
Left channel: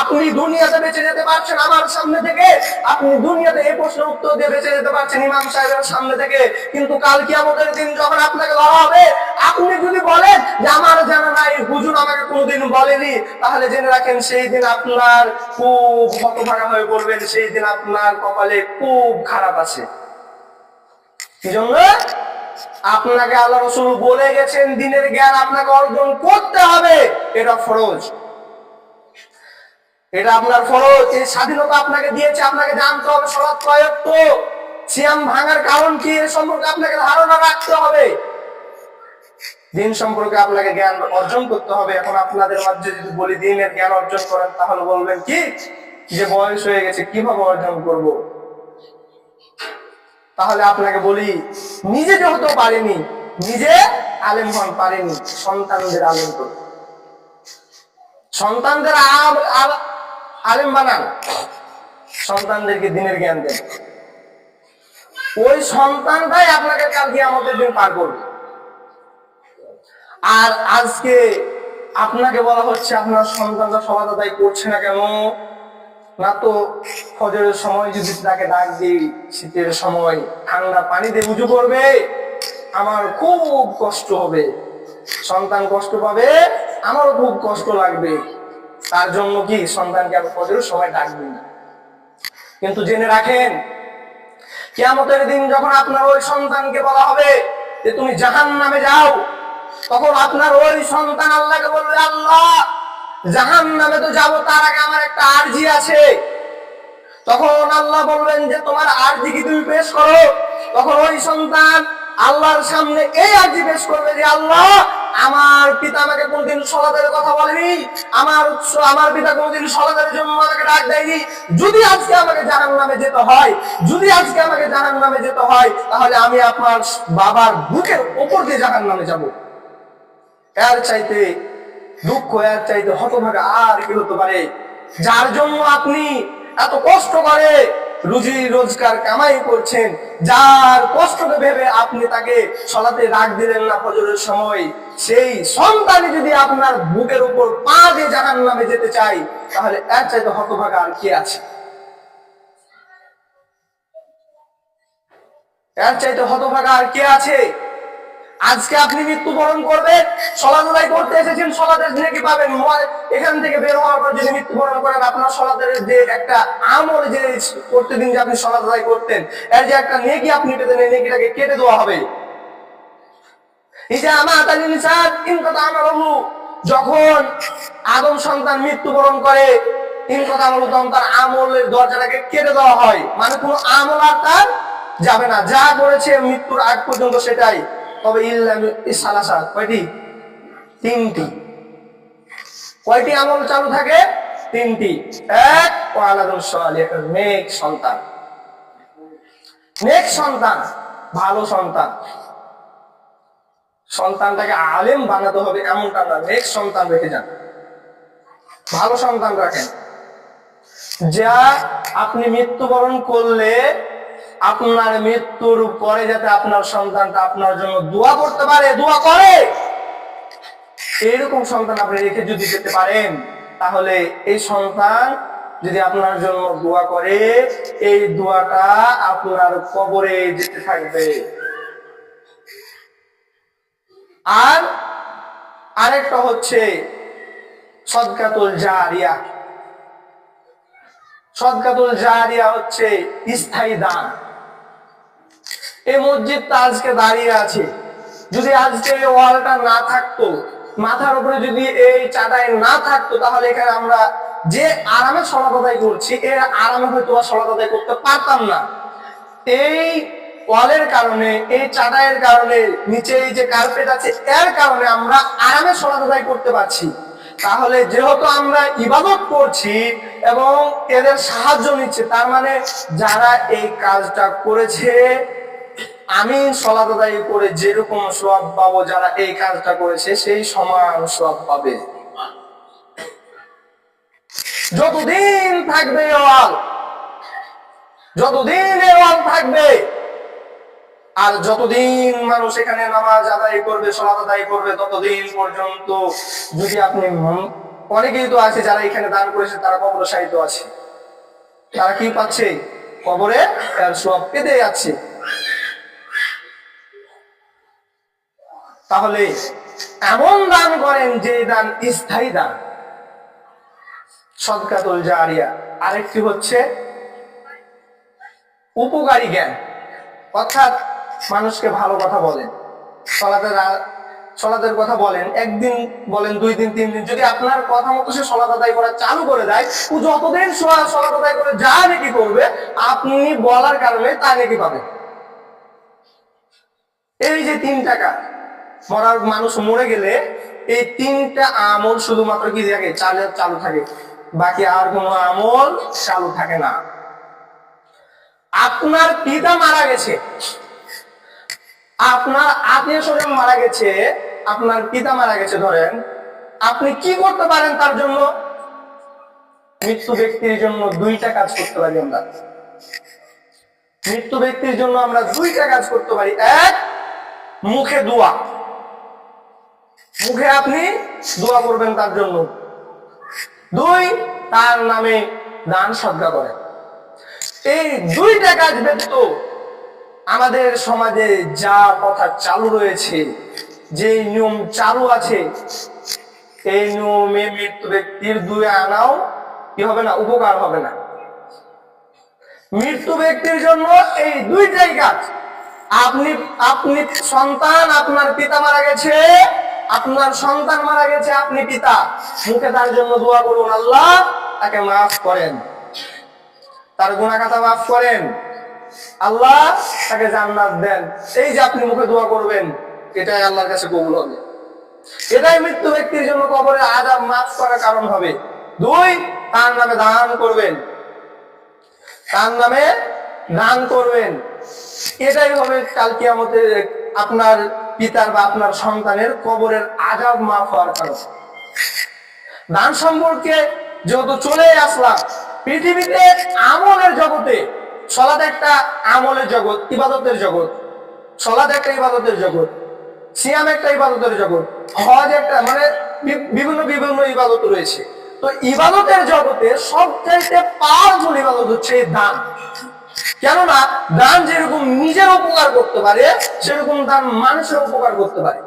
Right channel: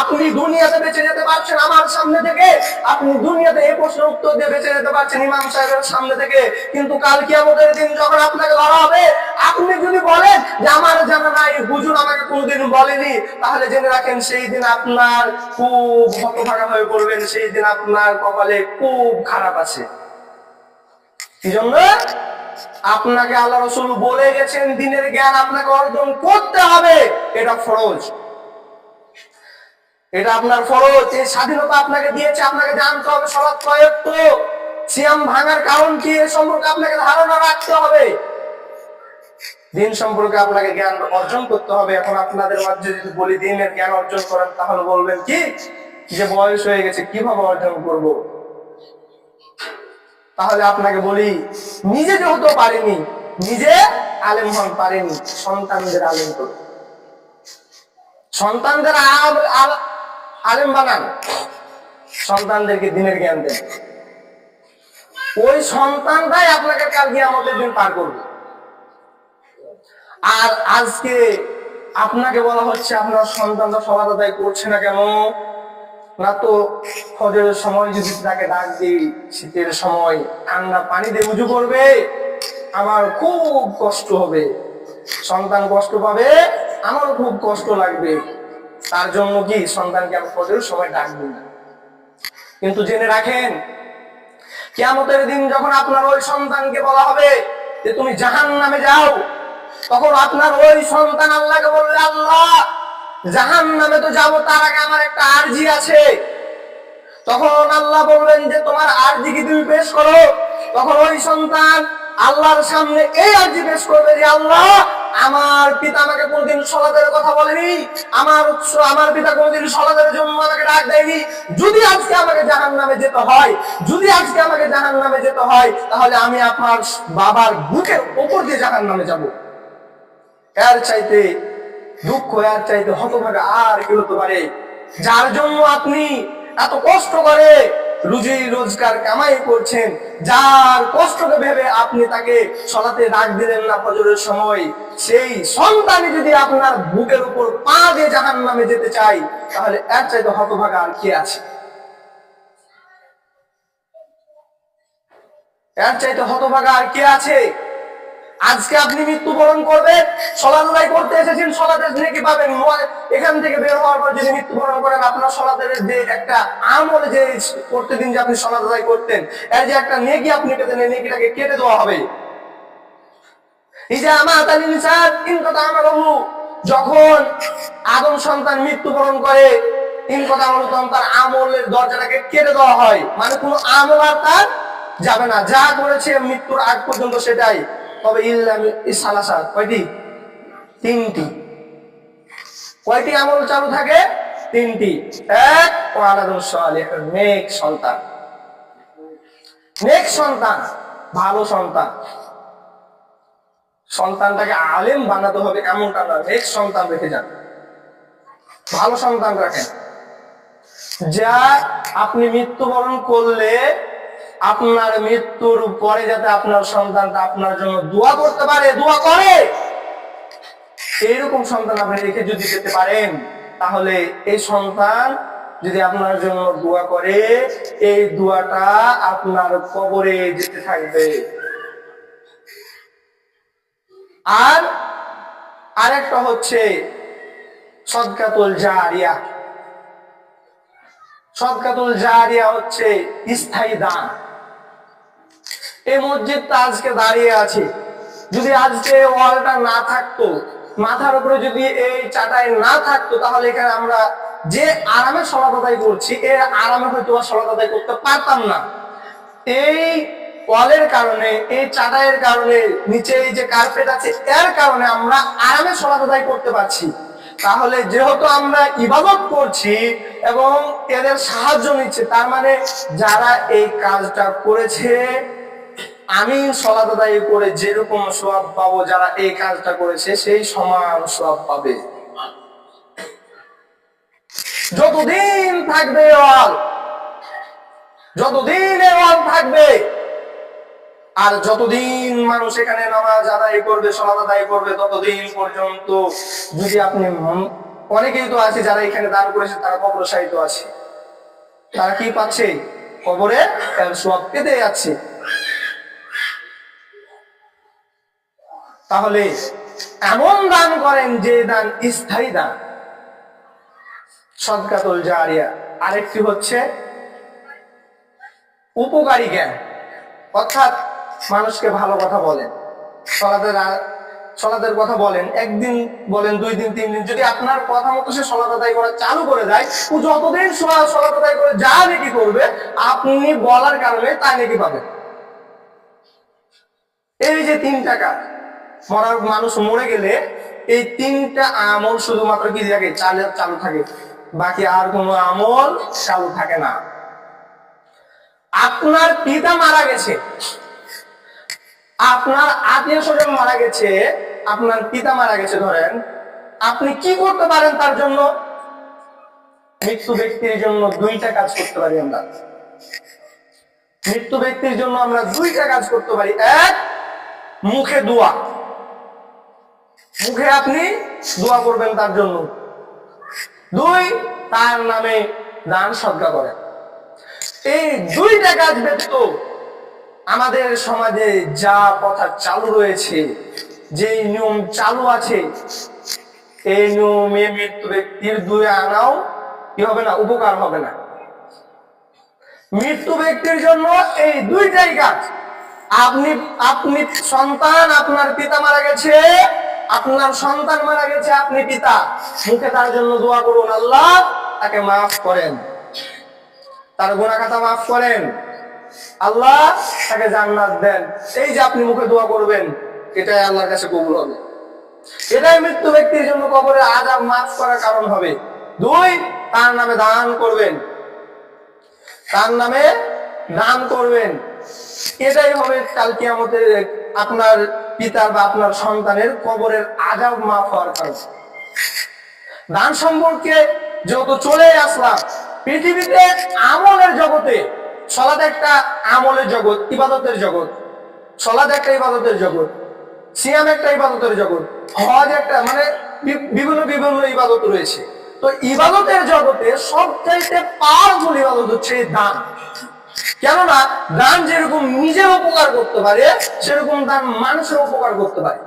আপনি দুনিয়াতে বেঁচে যেতে পারছেন আমার সামনে থেকে, আপনি দুনিয়াতে এই প্রশ্নের উত্তর দিয়ে বেঁচে যেতে পারছেন ইমাম সাহেবের সামনে থেকে, কিন্তু কাল কিয়ামতের দিন যখন আপনাকে ধরা হবে, আপনি যদি বলেন যে আমার জানা নাই, হুজুর আমাকে কোনোদিন বলেনি, তাহলে জেনে রাখেন সেই দিন আপনার খুব হতভাগা হয়ে পড়বেন, সেই দিন আপনার কপালে খুব খারাপ আছে। কি জন্য? আপনাকে আল্লাহ রাসূল বলে গেছেন দ্বীনের জ্ঞান আপনাকে অর্জন করতে হবে, এটা ফরজ, এটা আপনার ফরজ। এই স্বাধীনতা আপনাকে দিয়েছে, আপনাকে জানতে হবে সালাত কয় ওয়াক্ত, সিয়াম ভাঙার কারণ কি, এ সম্পর্কে আপনাকে ধারণা রাখতে হবে। দ্বীন সম্পর্কে আপনাকে জ্ঞান অর্জন করতে হবে। এখন আপনাদের মাঝে যদি বলি দ্বীনের জ্ঞান অর্জন করেন, তাহলে বলবেন কি যে বয়স হয়ে গেছে, কিভাবে অর্জন করব? তাহলে আপনাকে বলি, নিজে যেহেতু পারেনি, নিজে আলেম হন, পারেনি, সন্তানদের আলেম করুন, সন্তানদের আলেম বানান, সন্তানদেরকে দিনের জ্ঞান দেন। ওই সন্তানটাই আপনাকে কাল কিয়ামতের দিন পার করবে। আর আজকে আপনাকে বলা হচ্ছে আপনার সন্তানরা সলাত আদায় করছে না কেন? না তো ফজরের সময় যদি তাকে ডাক দিই, শীতের সময় ঠান্ডা পানি দিয়ে উজু করবে, আমার খুব কষ্ট হবে, সন্তান কষ্ট পাবে, আমারও খুব কষ্ট লাগবে, তার জন্য কি সন্তানকে আমি ফজরের সময় ডাক দিই না। কিন্তু জেনে রাখেন, কিয়ামতের দিন যখন আপনার ওই সন্তানকে বলা হবে যে তুমি জাহান্নামে যাও, তখন আপনার ওই সন্তান আল্লাহকে বলবে, আল্লাহ জাহান্নামে তো যাব, তার আগে আমার একটা আরজি আছে। তখন আল্লাহ বলবেন যে তোমার আরজি কি তুমি পেশ করো। তখন ওই সন্তান আল্লাহর সামনে এই আরজি পেশ করবে যে আল্লাহ, আমার পিতা আমাকে কোনদিন সলাতের কথা বলেনি, আমার পিতা কোনদিন সলাতের জন্য আমাকে ডাক দেয়নি। যদি আজকে আমাকে জাহান্নামে যেতে হয়, যদি আজকে আমাকে জাহান্নামে যেতে হয়, তাহলে আমি আপনার বাবার বুকের ওপর দিয়ে জাহান্নামে যাব। এর চাইতে দুঃখ, এর চাইতে হতভাগা আর কি হতে পারে? যার জন্য আপনি এত কষ্ট করে রুজি রোজগার কামাই করছেন, যার কষ্টকে ভেবে আপনি তাকে সলাতে ডাক দিলেন না ফজরের সময়, সেই সন্তানই যদি আপনার বুকের উপর পা দিয়ে জাহান্নামে যেতে চাই, তাহলে এর চাইতে হতভাগা আর কে আছে? এর চাইতে হতভাগা আর কে আছে? আজকে আপনি মৃত্যুবরণ করবেন, সলাত আদায় করতে এসেছেন, সলাতের নেকি পাবেন। এখান থেকে বের হওয়ার পর যদি মৃত্যুবরণ করেন, আপনার সলাতের যে একটা আমল, যে প্রতিদিন যে আপনি সলাত আদায় করতেন, এর যে একটা নেকি আপনি পেতেন, এই নেকিটাকে কেটে দেওয়া হবে। যখন আদম সন্তান মৃত্যুবরণ করে, তখন তার আমলের দরজাটাকে কেটে দেওয়া হয়, মানে কোনো আমল আর তার যাবে না, যা করেছে মৃত্যুর আগ পর্যন্ত সেটাই। তবে সালাসা কয়টি? তিনটি। কয়টি আমল চালু থাকে? তিনটি। এক, নেক সন্তান, নেক সন্তান, ভালো সন্তান। সন্তানটাকে আলেম বানাতে হবে এমনটা না, নেক সন্তান রেখে যান, ভালো সন্তান রাখেন, যা আপনি মৃত্যুবরণ করলে আপনার মৃত্যুর পরে যাতে আপনার সন্তানটা আপনার জন্য দোয়া করতে পারে, দোয়া করে, এইরকম সন্তান আপনি রেখে যদি যেতে পারেন, তাহলে এই সন্তান যদি আপনার জন্য দোয়া করে, এই দোয়াটা আপনার কবরে যেতে থাকবে। আর আরেকটা হচ্ছে সদকাতুল জারিয়া। সদকাতুল জারিয়া হচ্ছে স্থায়ী দান। এই মসজিদটা আজকে দাঁড়িয়ে আছে, যদি আজকে ওয়ালটা না থাকতো, মাথার উপরে যদি এই চাটাই না থাকতো, তাহলে এখানে আমরা যে আরামে সলাত আদায় করছি, এর আরামে হয়তো বা সলাত আদায় করতে পারতাম না। এই ওয়ালের কারণে, এই চাটাইয়ের কারণে, নিচে এই যে কার্পেট আছে, এর কারণে আমরা আরামে সলাত আদায় করতে পারছি। তাহলে যেহেতু আমরা ইবাদত করছি এবং এদের সাহায্য নিচ্ছে, তার মানে যারা এই কাজটা করেছে, আমি সলাত আদায় করে যেরকম সওয়াব পাবো, যারা এই কাজটা করেছে সেই সমান সওয়াব পাবে। যতদিন থাকবে ওয়াল, যতদিন এই ওয়াল থাকবে, আর যতদিন মানুষ এখানে নামাজ আদায় করবে, সলাত আদায় করবে, ততদিন পর্যন্ত যদি আপনি, অনেকেই তো আছে যারা এখানে দান করেছে, তারা কবরে শায়িত আছে, তারা কি পাচ্ছে? কবরে এর সওয়াব পেতে যাচ্ছে। তাহলে এমন দান করেন যে দান স্থায়ী দান, সদকাতুল জারিয়া। আরেকটি হচ্ছে উপকারী জ্ঞান, অর্থাৎ মানুষকে ভালো কথা বলেন, সলাতের কথা বলেন, একদিন বলেন, 2 দিন 3 দিন, যদি আপনার কথা মতো সে সলাত আদায় করা চালু করে দেয়, ও যতদিন সলাত আদায় করে যা নেকি করবে, আপনি বলার কারণে তাই নেকি পাবেন। এই যে 3 টাকা, মরার মানুষ মরে গেলে এই 3টা আমল শুধুমাত্র কি থাকে? চালু থাকে, বাকি আর কোনো আমল চালু থাকে না। আপনার পিতা মারা গেছে, আপনার আত্মীয় স্বজন মারা গেছে, আপনার পিতা মারা গেছে ধরেন, আপনি কি করতে পারেন তার জন্য? মৃত্যু ব্যক্তির জন্য দুইটা কাজ করতে পারি আমরা। মৃত্যু ব্যক্তির জন্য আমরা দুইটা কাজ করতে পারি। এক, মুখে দোয়া, মুখে আপনি দোয়া করবেন তার জন্য। দুই, তার নামে দান সদকা করেন। এই দুইটা কাজ ব্যতীত আমাদের সমাজে যা কথা চালু রয়েছে, যে নিয়ম চালু আছে, এই নিয়মে মৃত্যু ব্যক্তির দুই আনাও কি হবে না, উপকার হবে না। মৃত্যু ব্যক্তির জন্য এই দুইটাই কাজ। আপনি আপনি সন্তান, আপনার পিতা মারা গেছে, আপনার সন্তান মারা গেছে, আপনি পিতা, মুখে তার জন্য দোয়া করুন, আল্লাহ তাকে মাফ করেন, তার গুনাহ খাতা মাফ করেন, আল্লাহ তাকে জান্নাত দেন। এই যে আপনি মুখে দোয়া করবেন, এটাই আল্লাহর কাছে কবুল হবে। এটাই মৃত্যু ব্যক্তির জন্য কবরের আযাব মাফ করার কারণ হবে। দুই, তার নামে দান করবেন, তার নামে দান করবেন। এটাই হবে কাল কিয়ামতে আপনার পিতার বা আপনার সন্তানের কবরের আযাব মাফ হওয়ার কারণ। দান সম্পর্কে যেহেতু চলে আসলাম, পৃথিবীতে আমলের জগতে, সালাত একটা আমলের জগৎ, ইবাদতের জগৎ। সালাত একটা ইবাদতের জগৎ, সিয়াম একটা ইবাদতের জগৎ, হজ একটা, মানে বিভিন্ন বিভিন্ন ইবাদত রয়েছে। তো ইবাদতের জগতে সবচাইতে পাওয়ারফুল ইবাদত হচ্ছে দান। কেননা দান যেরকম নিজের উপকার করতে পারে, সেরকম দান মানুষের উপকার করতে পারে।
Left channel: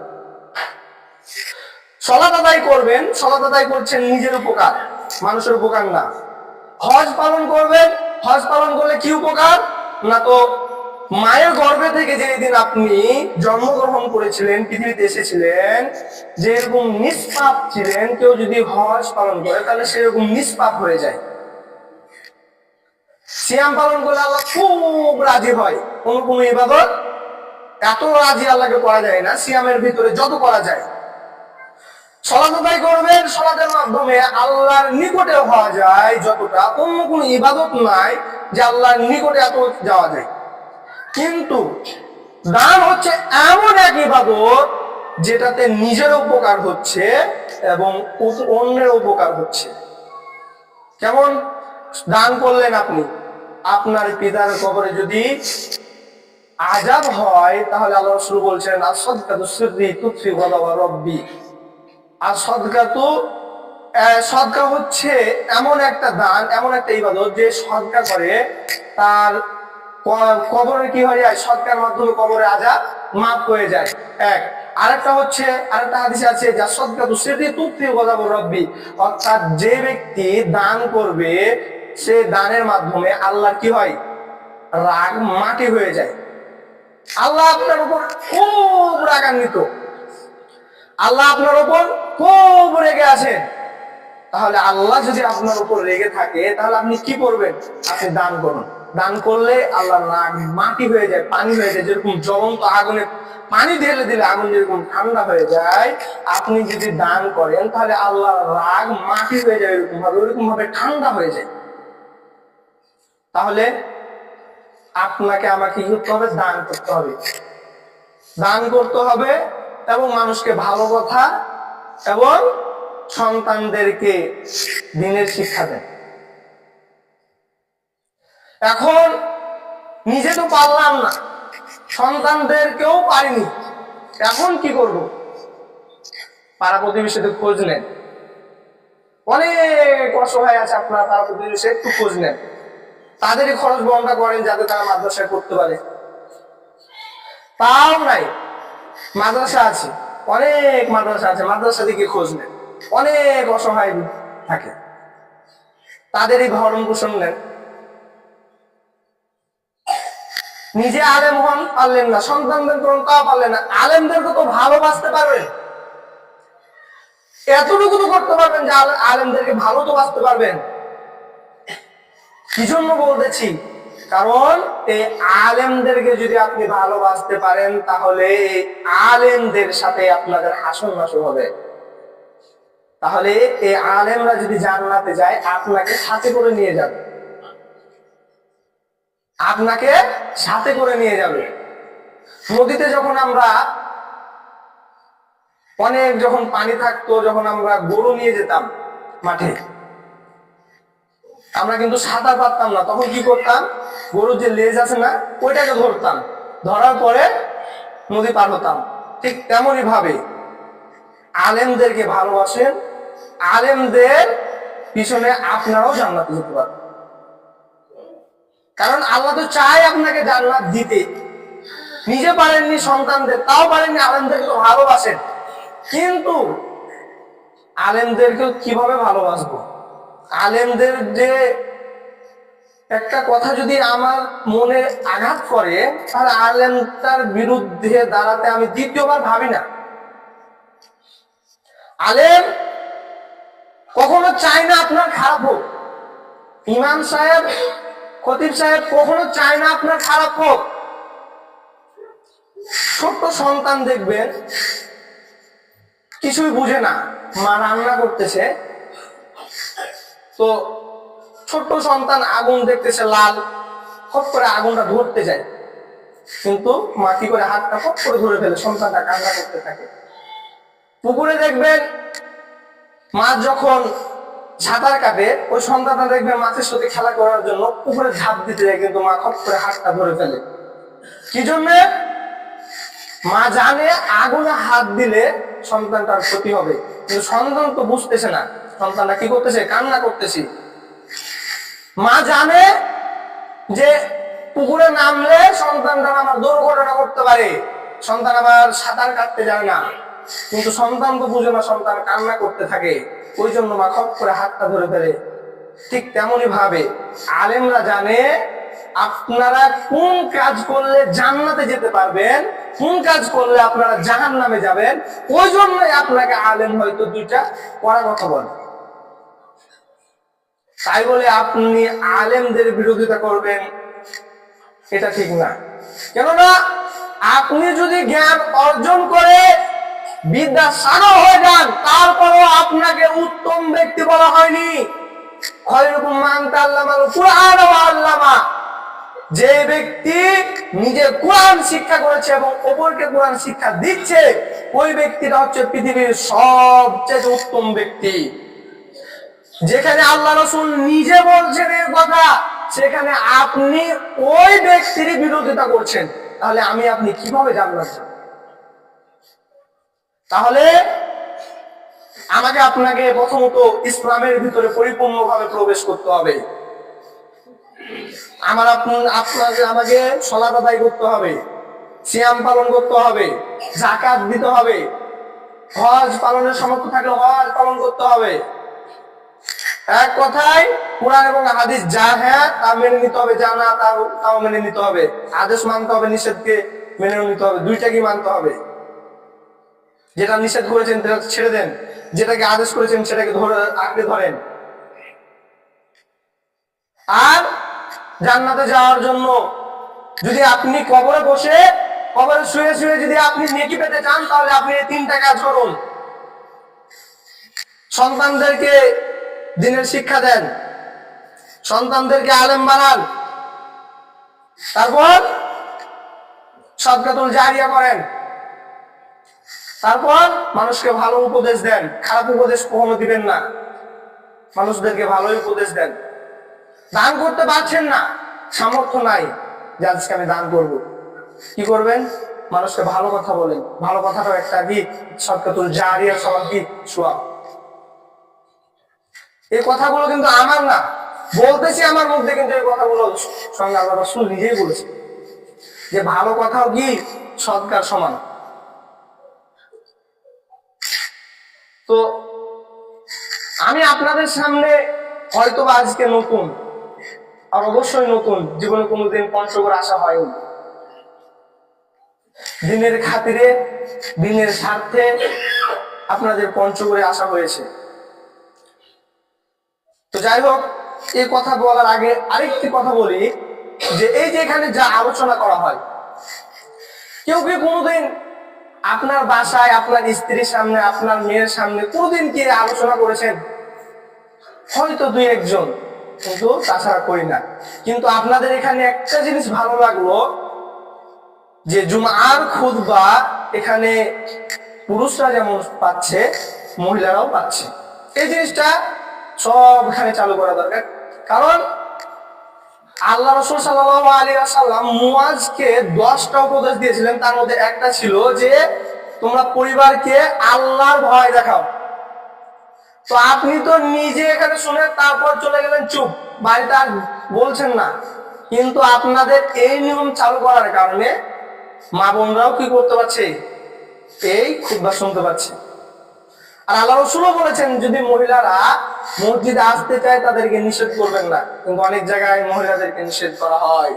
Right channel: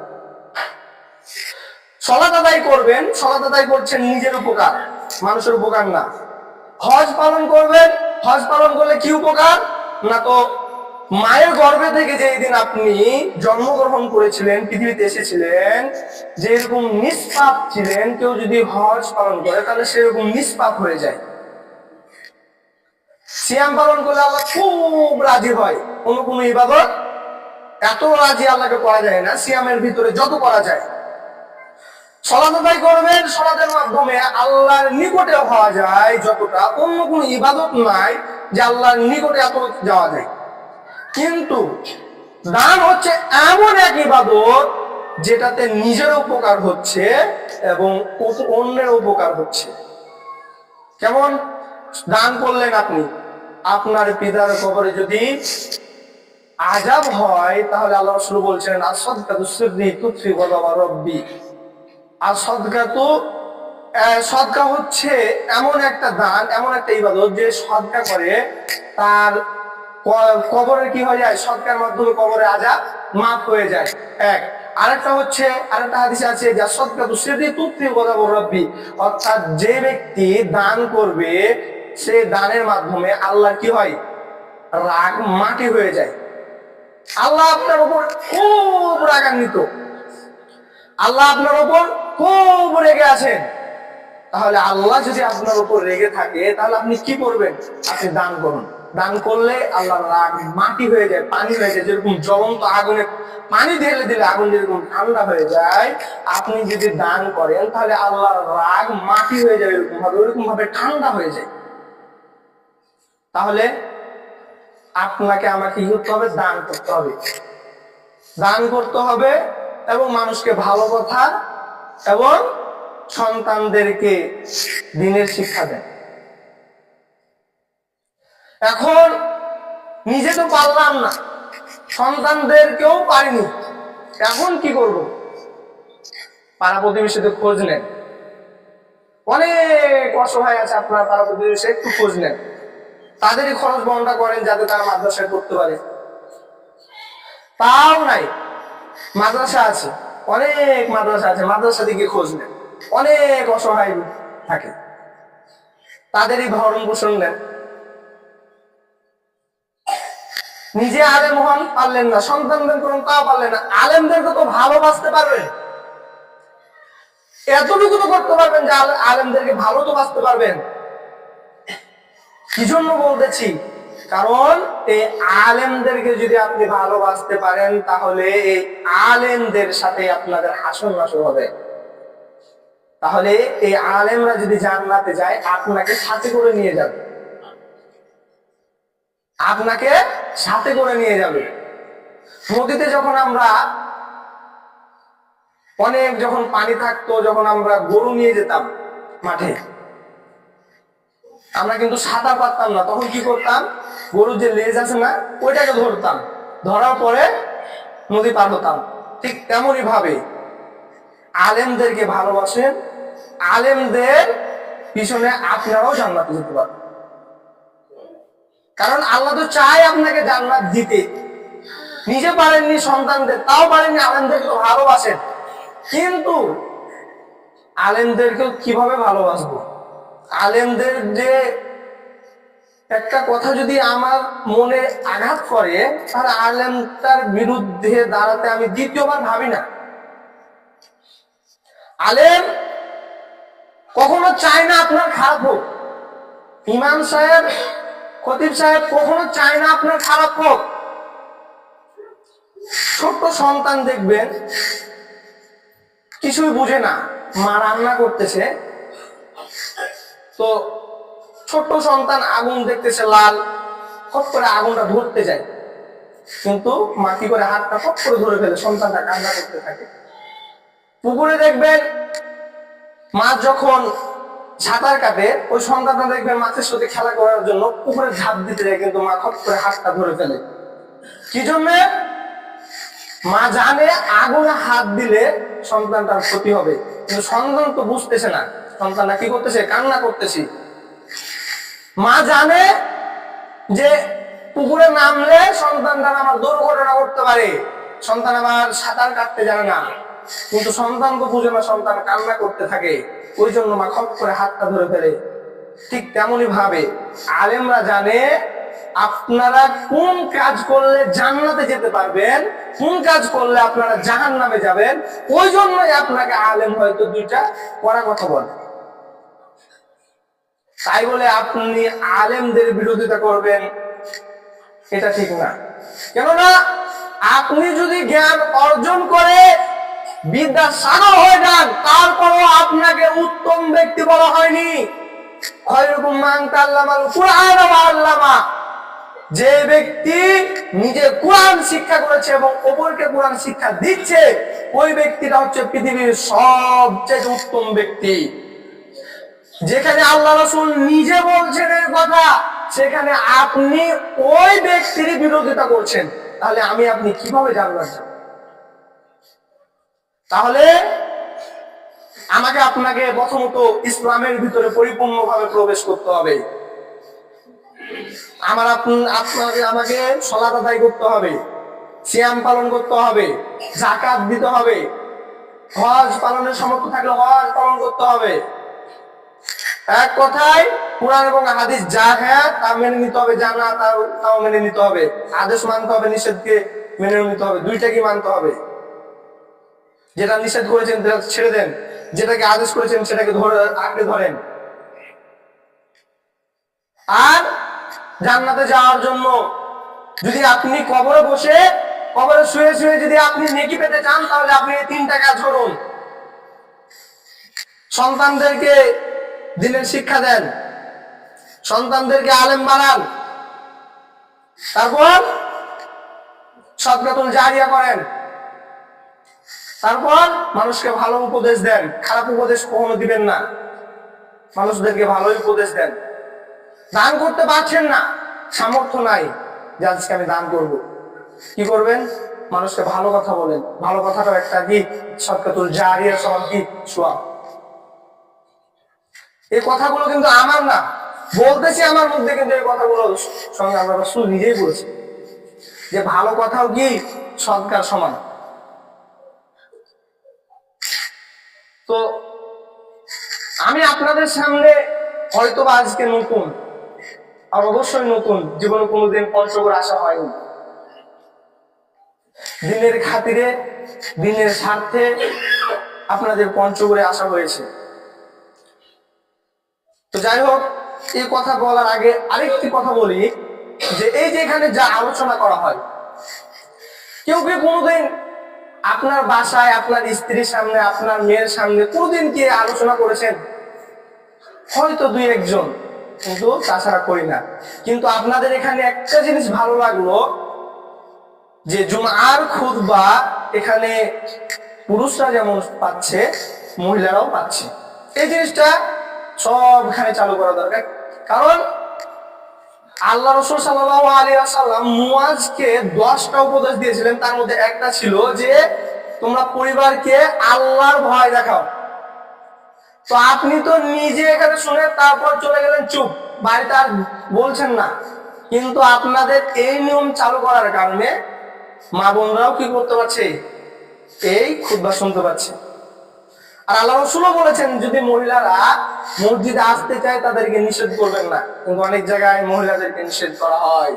সালাত আদায় করবেন, সালাত আদায় করছেন নিজের উপকার, মানুষের উপকার না। হজ পালন করবেন, হজ পালন করলে কি উপকার না, তো মায়ের গর্ভে থেকে যেদিন আপনি জন্মগ্রহণ করেছিলেন, পৃথিবীতে এসেছিলেন, যে এরকম নিষ্পাপ ছিলেন, কেউ যদি হজ পালন করে তাহলে সেরকম নিষ্পাপ হয়ে যায়। সিয়াম পালন করলে আল্লাহ খুব রাজি হয়। কোন ইবাদত এত রাজি আল্লাহকে করা যায় না সিয়ামের ভিতরে যত করা যায়। সালাত আদায় করবেন, সালাতের মাধ্যমে আল্লাহর নিকটে হওয়া যায় যতটা, অন্য কোন ইবাদত নাই যে আল্লাহর নিকটে এত যাওয়া যায়। কিন্তু দান হচ্ছে এমন এক ইবাদত যেটাতে নিজের উপকার হচ্ছে এবং অন্যের উপকার হচ্ছে। কেমন? দান করলেন আপনি, আপনার পিতার কবরে যদি আযাব হয়, তাহলে আল্লাহ রাসূল বলছেন আস-সাদকাতু সিররি তুতফি গাযাবা রাব্বি। আর সদকা হচ্ছে এমন একটা দান, এমন একটা ইবাদত যে সদকা করে তার কবরের কি হয়ে যায়, সদকার মাধ্যমে কবরের আযাব মাফ হয়ে যায়। এক, আরেকটা হচ্ছে, আরেকটা হাদিসে আছে যে সাদকাতু সিররি তুতফি গাযাবা রাব্বি, অর্থাৎ যে ব্যক্তি দান করবে, সে দানের মাধ্যমে আল্লাহর কি হয়, রাগ মাটি হয়ে যায়। আল্লাহ আপনার উপর খুব রাগান্বিত, আল্লাহ আপনার উপর খুব রেগে আছেন। তাহলে আল্লাহ যদি আপনার উপর রেগে থাকে, তাহলে আপনি কি করবেন? আপনি দান করুন। দান করলে আল্লাহর রাগ মাটি হয়ে যায়, পানি হয়ে যায়। যেরকম জ্বলন্ত আগুনে পানি ঢেলে দিলে আগুন যেরকম ঠান্ডা হয়ে যায়, আপনি যদি দান করেন তাহলে আল্লাহর রাগ মাটি হয়ে যায়, ওইরকম ভাবে ঠান্ডা হয়ে যায়। তাহলে আপনাকে আমাকে কি করতে হবে? দান করতে হবে। দান করতে হবে এবং মানুষকে ভালো কথা এবং সন্তানদেরকে দ্বীনের শিক্ষা দেন। এখন নিজে তো পারলাম না, সন্তানদেরকেও পারিনি, এখন কি করব? পাড়া প্রতিবেশীতে খোঁজ নেন। অনেক অসহায় আছে আপনার পাড়া প্রতিবেশী, একটু খোঁজ নেন, তাদেরই খরচ বহনটা করেন যাতে তারা মাদ্রাসায় পড়তে পারে। তাও নাই, মাদ্রাসা আছে, অনেক মাদ্রাসা আছে, মাদ্রাসা দিকে খোঁজ নেন। অনেক অসহায় থাকে, তাদেরই ভরণ পোষণ নেন। নিজে আলেম হন, পারলেন না, সন্তানদের করুন, তাও পারলেন না, আলেমদেরকে তো ভালোবাসতে পারবেন, এতটুকু তো করতে পারবেন যে আলেমদেরকে ভালো তো বাসতে পারবেন। কি জন্য বলতেছি? কারণ এই আলেমদেরকে যদি আপনি ভালোবাসতে পারেন, তাহলে এই আলেমদের সাথে আপনাদের হাসন নাসর হবে। তাহলে এই আলেমরা যদি জান্নাতে যায়, আপনাকে সাথে করে নিয়ে যাবে। আপনাকে সাথে করে নিয়ে যাবে। নদীতে যখন আমরা অনেক যখন পানি থাকতো, যখন আমরা গরু নিয়ে যেতাম মাঠে, আমরা কিন্তু সাঁতার পারতাম না, তখন কি করতাম, গরুর যে লেজ আছে না, ওইটাকে ধরতাম, ধরার পরে নদী পার হতাম। ঠিক তেমনি ভাবে আলেমদেরকে ভালোবাসেন, আলেমদের পিছনে আপনারাও জান্নাতে যেতে পারবেন। কারণ আল্লাহ তো চায় আপনাকে জান্নাত দিতে, নিজে পারেননি সন্তানদের, তাও পারেননি, আলেমদেরকে তো ভালোবাসেন। কিন্তু আলেমদেরকেও কিভাবে ভালোবাসবো? আলেমদের যে একটা কথা যদি আমার মনে আঘাত করে, তাহলে আলেমটার বিরুদ্ধে দাঁড়াতে আমি দ্বিতীয়বার ভাবি না। আলেম কখনো চায় না আপনার খারাপ হোক, ইমাম সাহেব, খতিব সাহেব কখনো চায় না আপনার খারাপ হোক। ছোট্ট সন্তান দেখবেন কিছুই বুঝে না, মা রান্না করতেছে, তো ছোট্ট সন্তান আগুন দেখতেছে লাল, ফট করে আগুনটা ধরতে যায়, কিন্তু মা কি করে হাতটা ফট করে ধরে ফেলে, সন্তানটা কান্না করতে থাকে। পুকুরে দেখবেন মাছ যখন সাঁতার কাটে, ওই সন্তানটা দেখবেন মাছের সাথে খেলা করার জন্য পুকুরে ঝাঁপ দিতে যায়, কিন্তু মা ফট করে হাতটা ধরে ফেলে। কি জন্যে? মা জানে আগুনে হাত দিলে সন্তানটার ক্ষতি হবে, কিন্তু সন্তান তো বুঝতেছে না, সন্তানটা কি করতেছে, কান্না করতেছে। মা জানে যে পুকুরে নামলে সন্তানটা আমার দুর্ঘটনা করতে পারে, সন্তান আমার সাঁতার কাটতে জানে না, কিন্তু সন্তান তো বুঝে না, সন্তান কান্না করতে থাকে, ওই জন্য মা খপ করে হাতটা ধরে ফেলে। ঠিক তেমনি ভাবে আলেমরা জানে আপনারা কোন কাজ করলে জান্নাতে যেতে পারবেন, কোন কাজ করলে আপনারা জাহান্নামে যাবেন, ওই জন্যই আপনাকে আলেম হয়তো দুইটা কড়া কথা বলে। তাই বলে আপনি আলেমদের বিরোধিতা করবেন, এটা ঠিক না। কেননা আপনি যদি জ্ঞান অর্জন করে বিদ্যা সাগর হয়ে যান, তারপরও আপনাকে উত্তম ব্যক্তি বলা হয়নি। খয়রুকুম মান তাআল্লামাল কুরআন ওয়া আল্লামা, যে ব্যক্তি নিজে কোরআন শিক্ষা করেছে এবং অপরকে কোরআন শিক্ষা দিচ্ছে, ওই ব্যক্তিটা হচ্ছে পৃথিবীর সবচেয়ে উত্তম ব্যক্তি। যেখানে আল্লাহ রাসূল নিজে বলছেন এই কথা, সেখানে আপনি ওই ব্যক্তির বিরোধিতা করছেন, তাহলে আমি আপনি কিভাবে জান্নাত যাব? তাহলে আমাকে আপনাকে প্রথমত ইসলামের ভিতরে পরিপূর্ণভাবে প্রবেশ করতে হবে। আমাকে সালাত আদায় করতে হবে, সিয়াম পালন করতে হবে, যাকাত দিতে হবে, হজ পালনের সামর্থ্য থাকলে হজ পালন করতে হবে। এক কথায় কোরআন এবং হাদিস যা হ্যাঁ তা মেনে নিতে হবে, যা না তাও মেনে নিতে হবে। আদেশ মানতে হবে, নিষেধকে মেনে নিতে হবে, দুইটাকে মানতে হবে। যেটা নিষেধ করেছেন সেটা ছেড়ে দেন, যেটাকে আদেশ করেছেন সেটাকে আঁকড়ে ধরেন। আর জান্নাতে যাওয়ার জন্য যদি আপনি কবরে শুয়ে শুয়ে যদি আপনি নেকি পেতে চান, তাহলে আপনি এই তিনটা কাজ করুন। সন্তানদেরকে দ্বীনের শিক্ষা দেন, সন্তানদেরকে আলেম বানান, তারপর সাদকাতুল জারিয়া করেন, তারপর মানুষকে ভালো উপদেশ দেন, খারাপ উপদেশ কখনো দিবেন না, মানুষদেরকে ভালোই উপদেশ দেন। দান করতে পারছেন না, সামর্থ্য নাই যে আজকে আমি দান করব, কি করবেন? মানুষকে ভালো কথা বলেন। ভালো কথাটাও একটা কি সাদকাতুল জারিয়ার সমান কি সওয়াব। এই কথাগুলো কিন্তু আমার না, বলতেছি আমার মধ্যে, কিন্তু এই কথাগুলো সঙ্গে আল্লাহ রাসূল নিজেই বলেছেন যে ভালো কথাও কি সদকার সমান। তো আমি আপনাদের সামনে হয়তোবা আজকে নতুন, আর অবশ্যই নতুন, জীবনে কোনোদিন পঞ্চগড় আসা হয়নি। দিনের খাতিরে, দিনের স্বার্থে আপনাদের পঞ্চগড়ে আসা হয়েছে। তো যাই হোক, এই কথা বলার আগে আরেকটি কথা বলি, যে এই যে এখানে যা আলোচনা করা হয়, কেউ কি কোনোদিন আপনার বাসায় আপনার স্ত্রীর সামনে, আপনার মেয়ের সামনে কোনোদিন কি আলোচনা করেছেন? হয়তো দুই একজন, কিন্তু তাছাড়া করি না। কিন্তু আপনাদের এখানে একটা জিনিস ভালো লাগলো যে জুমার খুতবা এখানে পুরুষরা যেমন পাচ্ছে মহিলারাও পাচ্ছে। এই জিনিসটা সব এখানে চালু করা দরকার। কারণ আল্লাহ রাসূল সাল্লাল্লাহু আলাইহি ওয়াসাল্লাম মুয়াজকে 10টা উপদেশ দিয়েছিলেন, তার মধ্যে একটা ছিল যে তোমরা পরিবারকে আল্লাহর ভয় দেখাও। তো আপনি তো নিজে এখানে শুনে তারপর চলে গেলেন চুপ, বাড়িতে আর বলছেন না। কিন্তু আপনাদের এই নিয়ম চালু করার কারণে মা বোনরাও কি করতে পারছে, এই খুতবা শুনতে পাচ্ছে। আর আল্লাহ রাসূলও বলেছেন যদি মহিলারা মসজিদে আসতে চায় তাদেরকে নিষেধ করবেন না, কিন্তু অনেক জায়গায় মহিলাদেরকে নিষেধ করা হয়,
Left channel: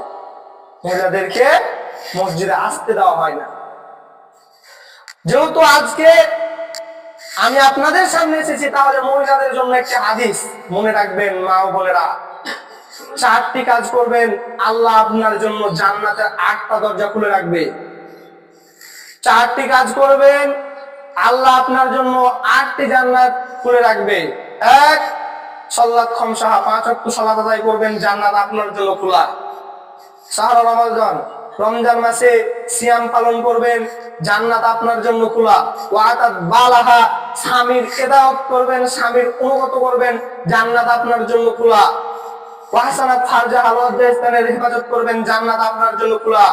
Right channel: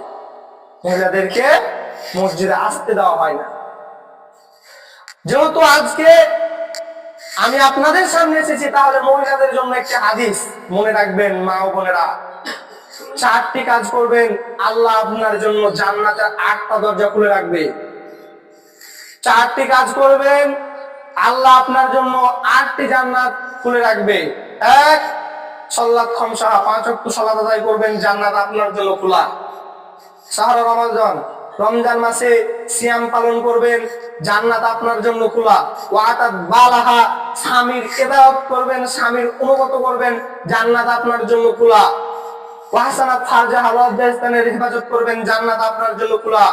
মহিলাদেরকে মসজিদে আসতে দেওয়া হয় না। যেহেতু আজকে আমি আপনাদের সামনে এসেছি, তাহলে মহিলাদের জন্য একটি হাদিস মনে রাখবেন মা ও বোনেরা। 4টি কাজ করবেন, আল্লাহ আপনার জন্য জান্নাতের 8টা দরজা খুলে রাখবে। 4টি কাজ করবেন, আল্লাহ আপনার জন্য 8টি জান্নাত খুলে রাখবে। 1, সালাত খামসা, 5 ওয়াক্ত সালাত আদায় করবেন, জান্নাত আপনার জন্য খোলা। শাহর রমাদান, রমজান মাসে সিয়াম পালন করবেন, জান্নাত আপনার জন্য খোলা। ওয়াতাত বালাহা, স্বামীর ইতাআত করবেন, স্বামীর অনুগত করবেন, জান্নাত আপনার জন্য খোলা। ওয়াহসানাত ফারজাহা, লজ্জাস্থানের হেফাজত করবেন, জান্নাত আপনার জন্য খোলা।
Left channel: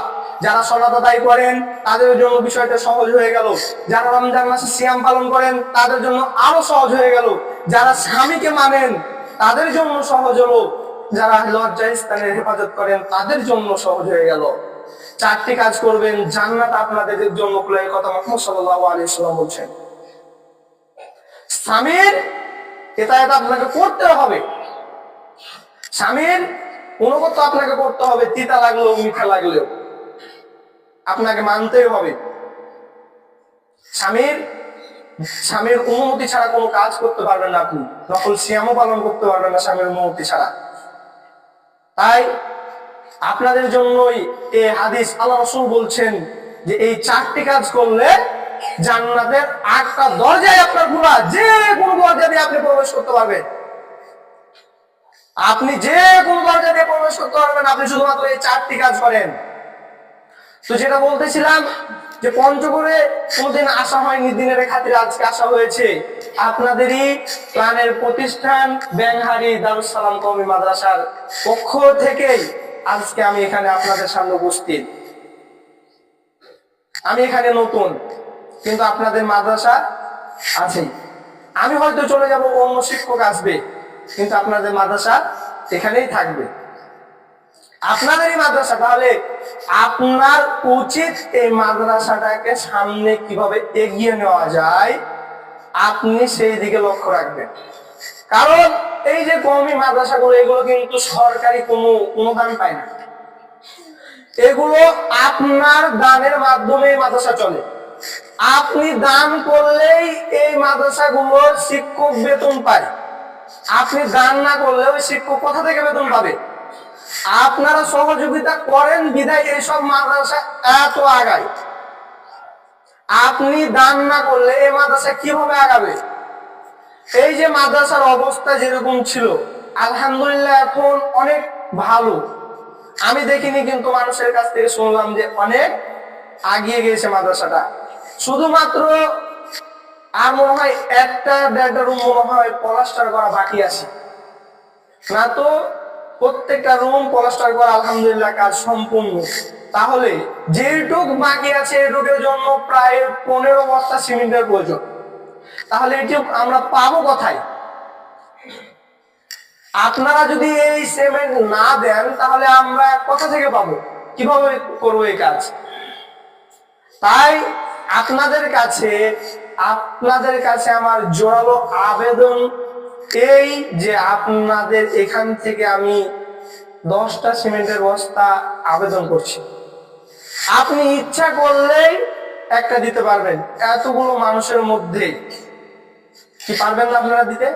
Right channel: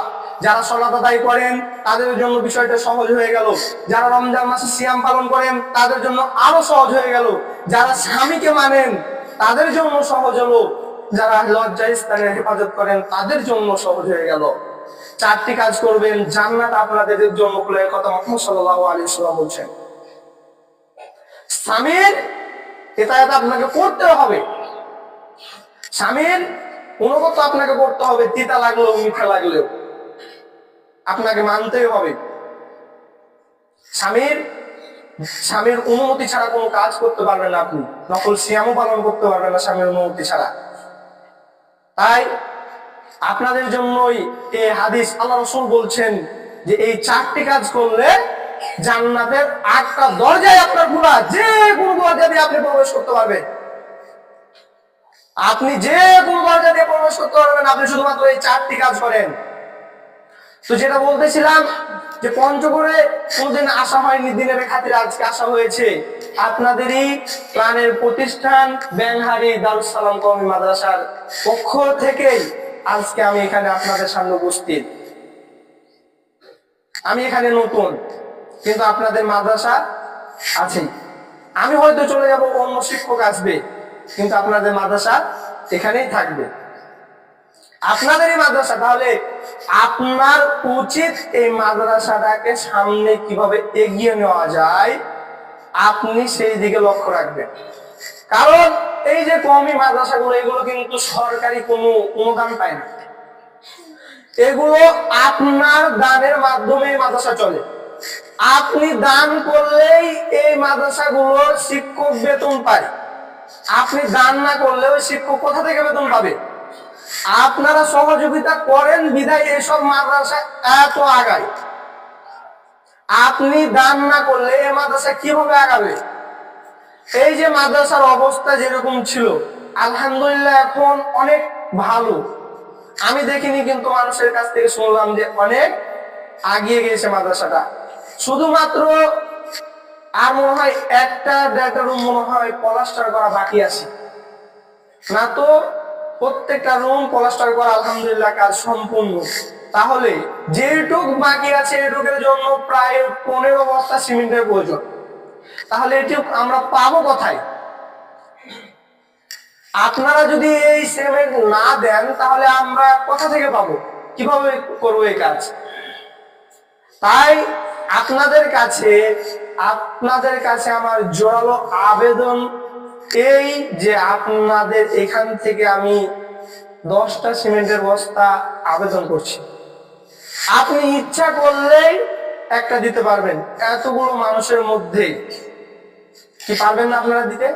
যারা সালাত আদায় করেন তাদের জন্য বিষয়টা সহজ হয়ে গেল। যারা রমজান মাসে সিয়াম পালন করেন তাদের জন্য আরো সহজ হয়ে গেল। যারা স্বামীকে মানেন তাদের জন্য সহজ হলো, যারা লজ্জাস্থানের হেফাজত করেন তাদের জন্য সহজ হয়ে গেল। 4টি কাজ করবেন, জান্নাত আপনাদের জন্য খুলে, কথা মুহাম্মদ সাল্লাল্লাহু আলাইহি ওয়াসাল্লাম বলছেন। স্বামীর ইতাআত আপনাকে করতে হবে, স্বামীর অনুগত আপনাকে করতে হবে, তিতা লাগলেও মিঠা লাগলেও আপনাকে মানতেই হবে। স্বামীর অনুমতি ছাড়া কোনো কাজ করতে পারবেন না, আপনি নফল সিয়ামও পালন করতে পারবেন না স্বামীর অনুমতি ছাড়া। তাই আপনাদের জন্যই এই হাদিস, আল্লাহ রাসূল বলছেন যে এই 4টি কাজ করলে জান্নাতের 8টা দরজায় আপনার খোলা, যে কোনো দরজা দিয়ে আপনি প্রবেশ করতে পারবেন। আপনি যে কোনো দরজা দিয়ে প্রবেশ করতে পারবেন, আপনি শুধুমাত্র এই 4টি কাজ করেন। তো যেটা বলতেছিলাম যে পঞ্চগড়ে কোনোদিন আসা হয়নি, দিনের খাতিরে আজকে আসা হয়েছে। আপনাদেরই প্রাণের প্রতিষ্ঠান ব্যাংহারি দারুস সালাম কওমি মাদ্রাসার পক্ষ থেকেই আজকে আমি এখানে আপনাদের সামনে উপস্থিত। আমি এখানে নতুন, কিন্তু আপনাদের মাদ্রাসা আছেই। আমি হয়তো চলে যাব, অন্য শিক্ষক আসবে, কিন্তু আপনাদের মাদ্রাসা এখানেই থাকবে, আপনাদেরই মাদ্রাসা। তাহলে আপনার উচিত এই মাদ্রাসাটাকে সামনে কিভাবে এগিয়ে নেওয়া যায় আপনি সেই দিকে লক্ষ্য রাখবেন। কারণ এই যে কওমি মাদ্রাসাগুলো, এগুলো কিন্তু সরকারি কোনো অনুদান পায় না, এগুলো আপনার দানের মাধ্যমে মাদ্রাসা চলে। আপনি দান করলেই এই মাদ্রাসাগুলোর শিক্ষক বেতন পায়, আপনি দান না করলে ওই শিক্ষক কোথা থেকে বেতন পাবে? আপনারা সহযোগিতা করেন বিধায় এইসব মাদ্রাসা এত আগায়। আপনি দান না করলে এই মাদ্রাসা কিভাবে আগাবে? এই যে মাদ্রাসার অবস্থা যেরকম ছিল, আলহামদুলিল্লাহ এখন অনেক ভালো। আমি দেখিনি, কিন্তু মানুষের কাছ থেকে শুনলাম যে অনেক আগিয়ে গিয়েছে মাদ্রাসাটা। শুধুমাত্র আর মনে হয় 1টা-1.5টা রুম মনে হয় প্লাস্টার করা বাকি আছে, না তো প্রত্যেকটা রুম প্লাস্টার করা আলহামদুলিল্লাহ কাজ সম্পূর্ণ। তাহলে যেটুক বাকি আছে এটুকের জন্য প্রায় 15 বস্তা সিমেন্টের প্রয়োজন। তাহলে এটুক আমরা পাবো কোথায়? আপনারা যদি এই সিমেন্ট না দেন তাহলে আমরা কোথা থেকে পাবো, কিভাবে করবো এই কাজ? তাই আপনাদের কাছে আমার জোরালো আবেদন এই যে আপনাদের এখান থেকে আমি 10টা সিমেন্টের বস্তা আবেদন করছি। আপনি ইচ্ছা করলেই একটা দিতে পারবেন, এতগুলো মানুষের মধ্যে কি পারবেন না আপনারা দিতে?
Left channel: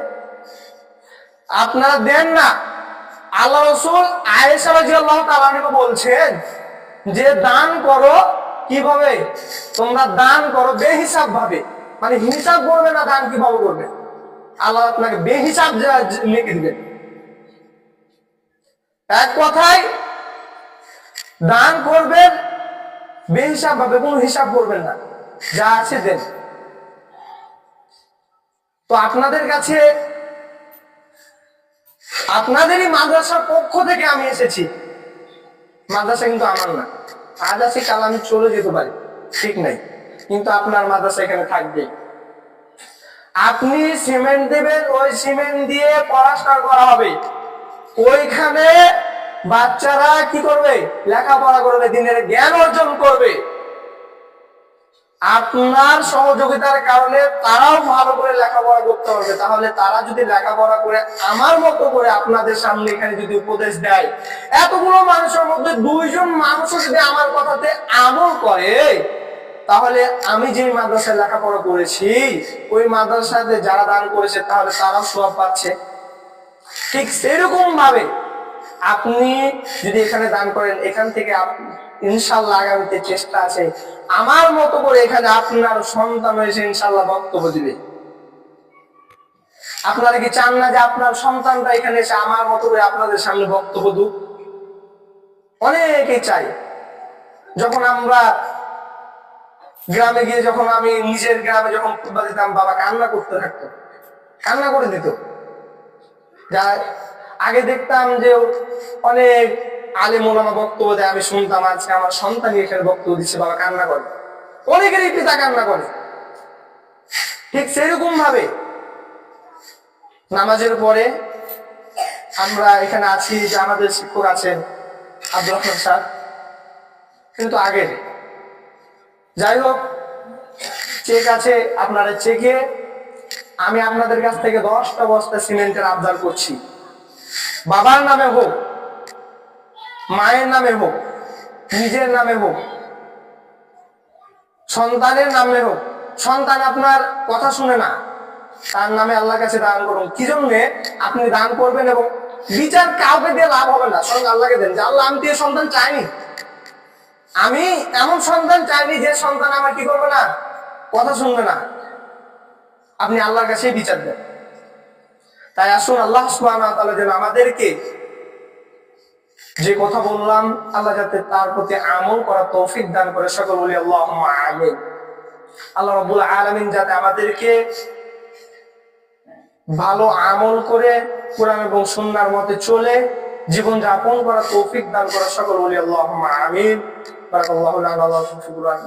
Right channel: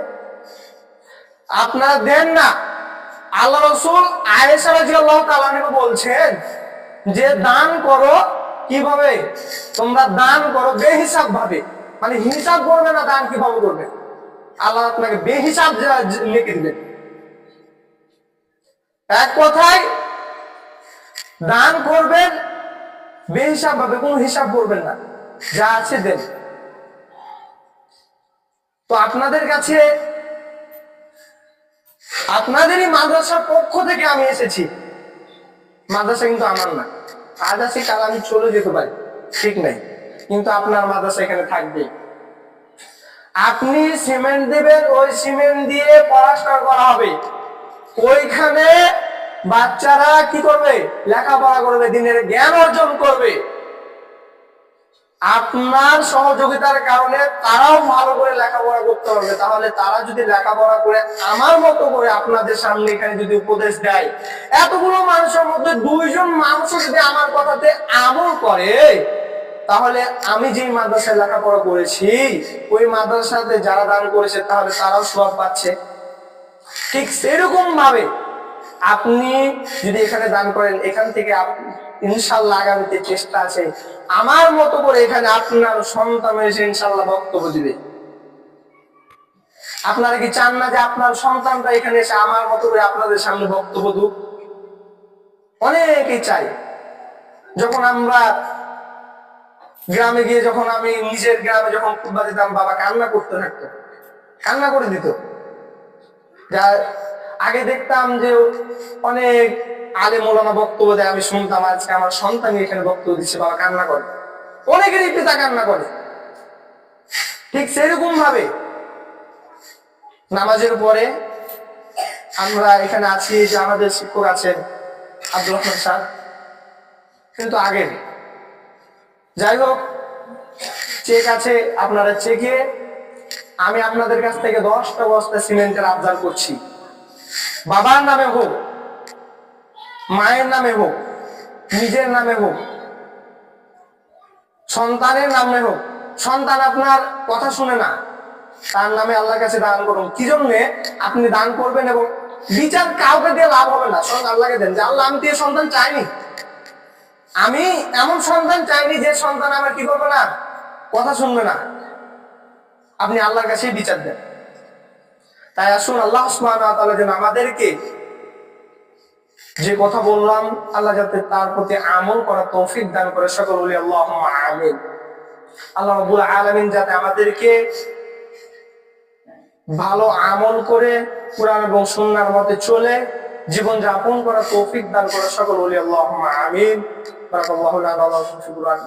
আপনারা দেন না। আল্লাহ রাসূল আয়েশা রাদিয়াল্লাহু তাআলা আনহা বলছেন যে দান করো কিভাবে? তোমরা দান করো বেহিসাব ভাবে, মানে হিসাব করবে না দান কিভাবে করবে, আল্লাহ আপনাকে বেহিসাব লিখে দিবেন। এক কথায় দান করবেন বেহিসাব ভাবে, কোনো হিসাব করবেন না, যা আছে দেন। তো আপনাদের কাছে আপনাদেরই মাদ্রাসার পক্ষ থেকে আমি এসেছি। মাদ্রাসা কিন্তু আমার না, আজ আছি কাল আমি চলে যেতে পারি, ঠিক নাই, কিন্তু আপনার মাদ্রাসা এখানে থাকবে। আপনি সিমেন্ট দেবেন, ওই সিমেন্ট দিয়ে প্লাস্টার করা হবে। ওইখানে বাচ্চারা কি করবে? লেখাপড়া করবে, দিনের জ্ঞান অর্জন করবে। আপনার সহযোগিতার কারণে তারাও ভালো করে লেখাপড়া করতে পারবে। তাহলে তারা যদি লেখাপড়া করে আমার মতো করে আপনাদের সামনে এখানে যদি উপদেশ দেয়, এতগুলো মানুষের মধ্যে 2 জন মানুষও যদি আমার কথাতে আমল করে, তাহলে আমি যেই মাদ্রাসায় লেখাপড়া করেছি ওই মাদ্রাসাতে যারা দান করেছে তাহলে তারাও সওয়াব পাচ্ছে। ঠিক সেরকম ভাবে আপনি যদি এখানে দান করেন, এখান থেকে ইনশাল্লাহ আগামীতে চেষ্টা আছে আমার মতো করে এখানে আপনার সন্তান এসে ইনশাল্লাহ বক্তব্য দিবে। আপনারা কি চান না যে আপনার সন্তানরা এখানে এসে আমার মতো করে আপনাদের সামনে বক্তব্য দিক? অনেকেই চাই। যখন আমরা গ্রামে গিয়ে, যখন আমি নিজের গ্রামে যখন খুতবা দিতাম, বাবা কান্না করতে থাকতো, কান্না করে দিত। যা আগে দেখতাম যে অনেক আলেম ওলামা বক্তব্য দেয়, আমি শুনতাম, আজকে আমার সন্তানই এখানে বক্তব্য দিচ্ছে, বাবা কান্না করে। অনেকেরই পিতা কান্না করে। ঠিক সেরকম ভাবে নামাজের পরে আমরা এখানে আছি, যে আমাদের শিক্ষক আছেন আব্দুর রহমান স্যার, কিন্তু আগের। যাই হোক, চেক আছে, আপনারা চেকে আমি আপনাদের কাছ থেকে 10টা বস্তা সিমেন্টের আবদার করছি। বাবার নামে হোক, মায়ের নামে হোক, নিজের নামে হোক, সন্তানের নামে হোক। সন্তান আপনার কথা শুনে না, তার নামে আল্লাহর কাছে দান করুন। কি জন্যে আপনি দান করবেন এবং বিচার কাউকে দিয়ে লাভ হবে না, স্বয়ং আল্লাহকে দেন যে আল্লাহ আমি তো এই সন্তান চাইনি, আমি এমন সন্তান চাইনি যে সন্তান আমার কি করবে না, কথা শুনবে না। আপনি আল্লাহর কাছেই বিচার দেন। তাই আসুন, আল্লাহ সুবহানাহু ওয়া তাআলা যেন আমাদেরকে যে কথা বললাম, আল্লাহ যাতে তার প্রতি আমল করার তৌফিক দান করে। সকল বলি আল্লাহুম্মা আমিন। আল্লাহ রাব্বুল আলামিন যাতে আমাদেরকে ভালো আমল করে কুরআন এবং সুন্নাহর মতে চলে জীবন যাপন করার তৌফিক দান করে। সকল বলি আল্লাহুম্মা আমিন। বারাকাল্লাহু লানা ওয়া লাকুম ফি কুরআন।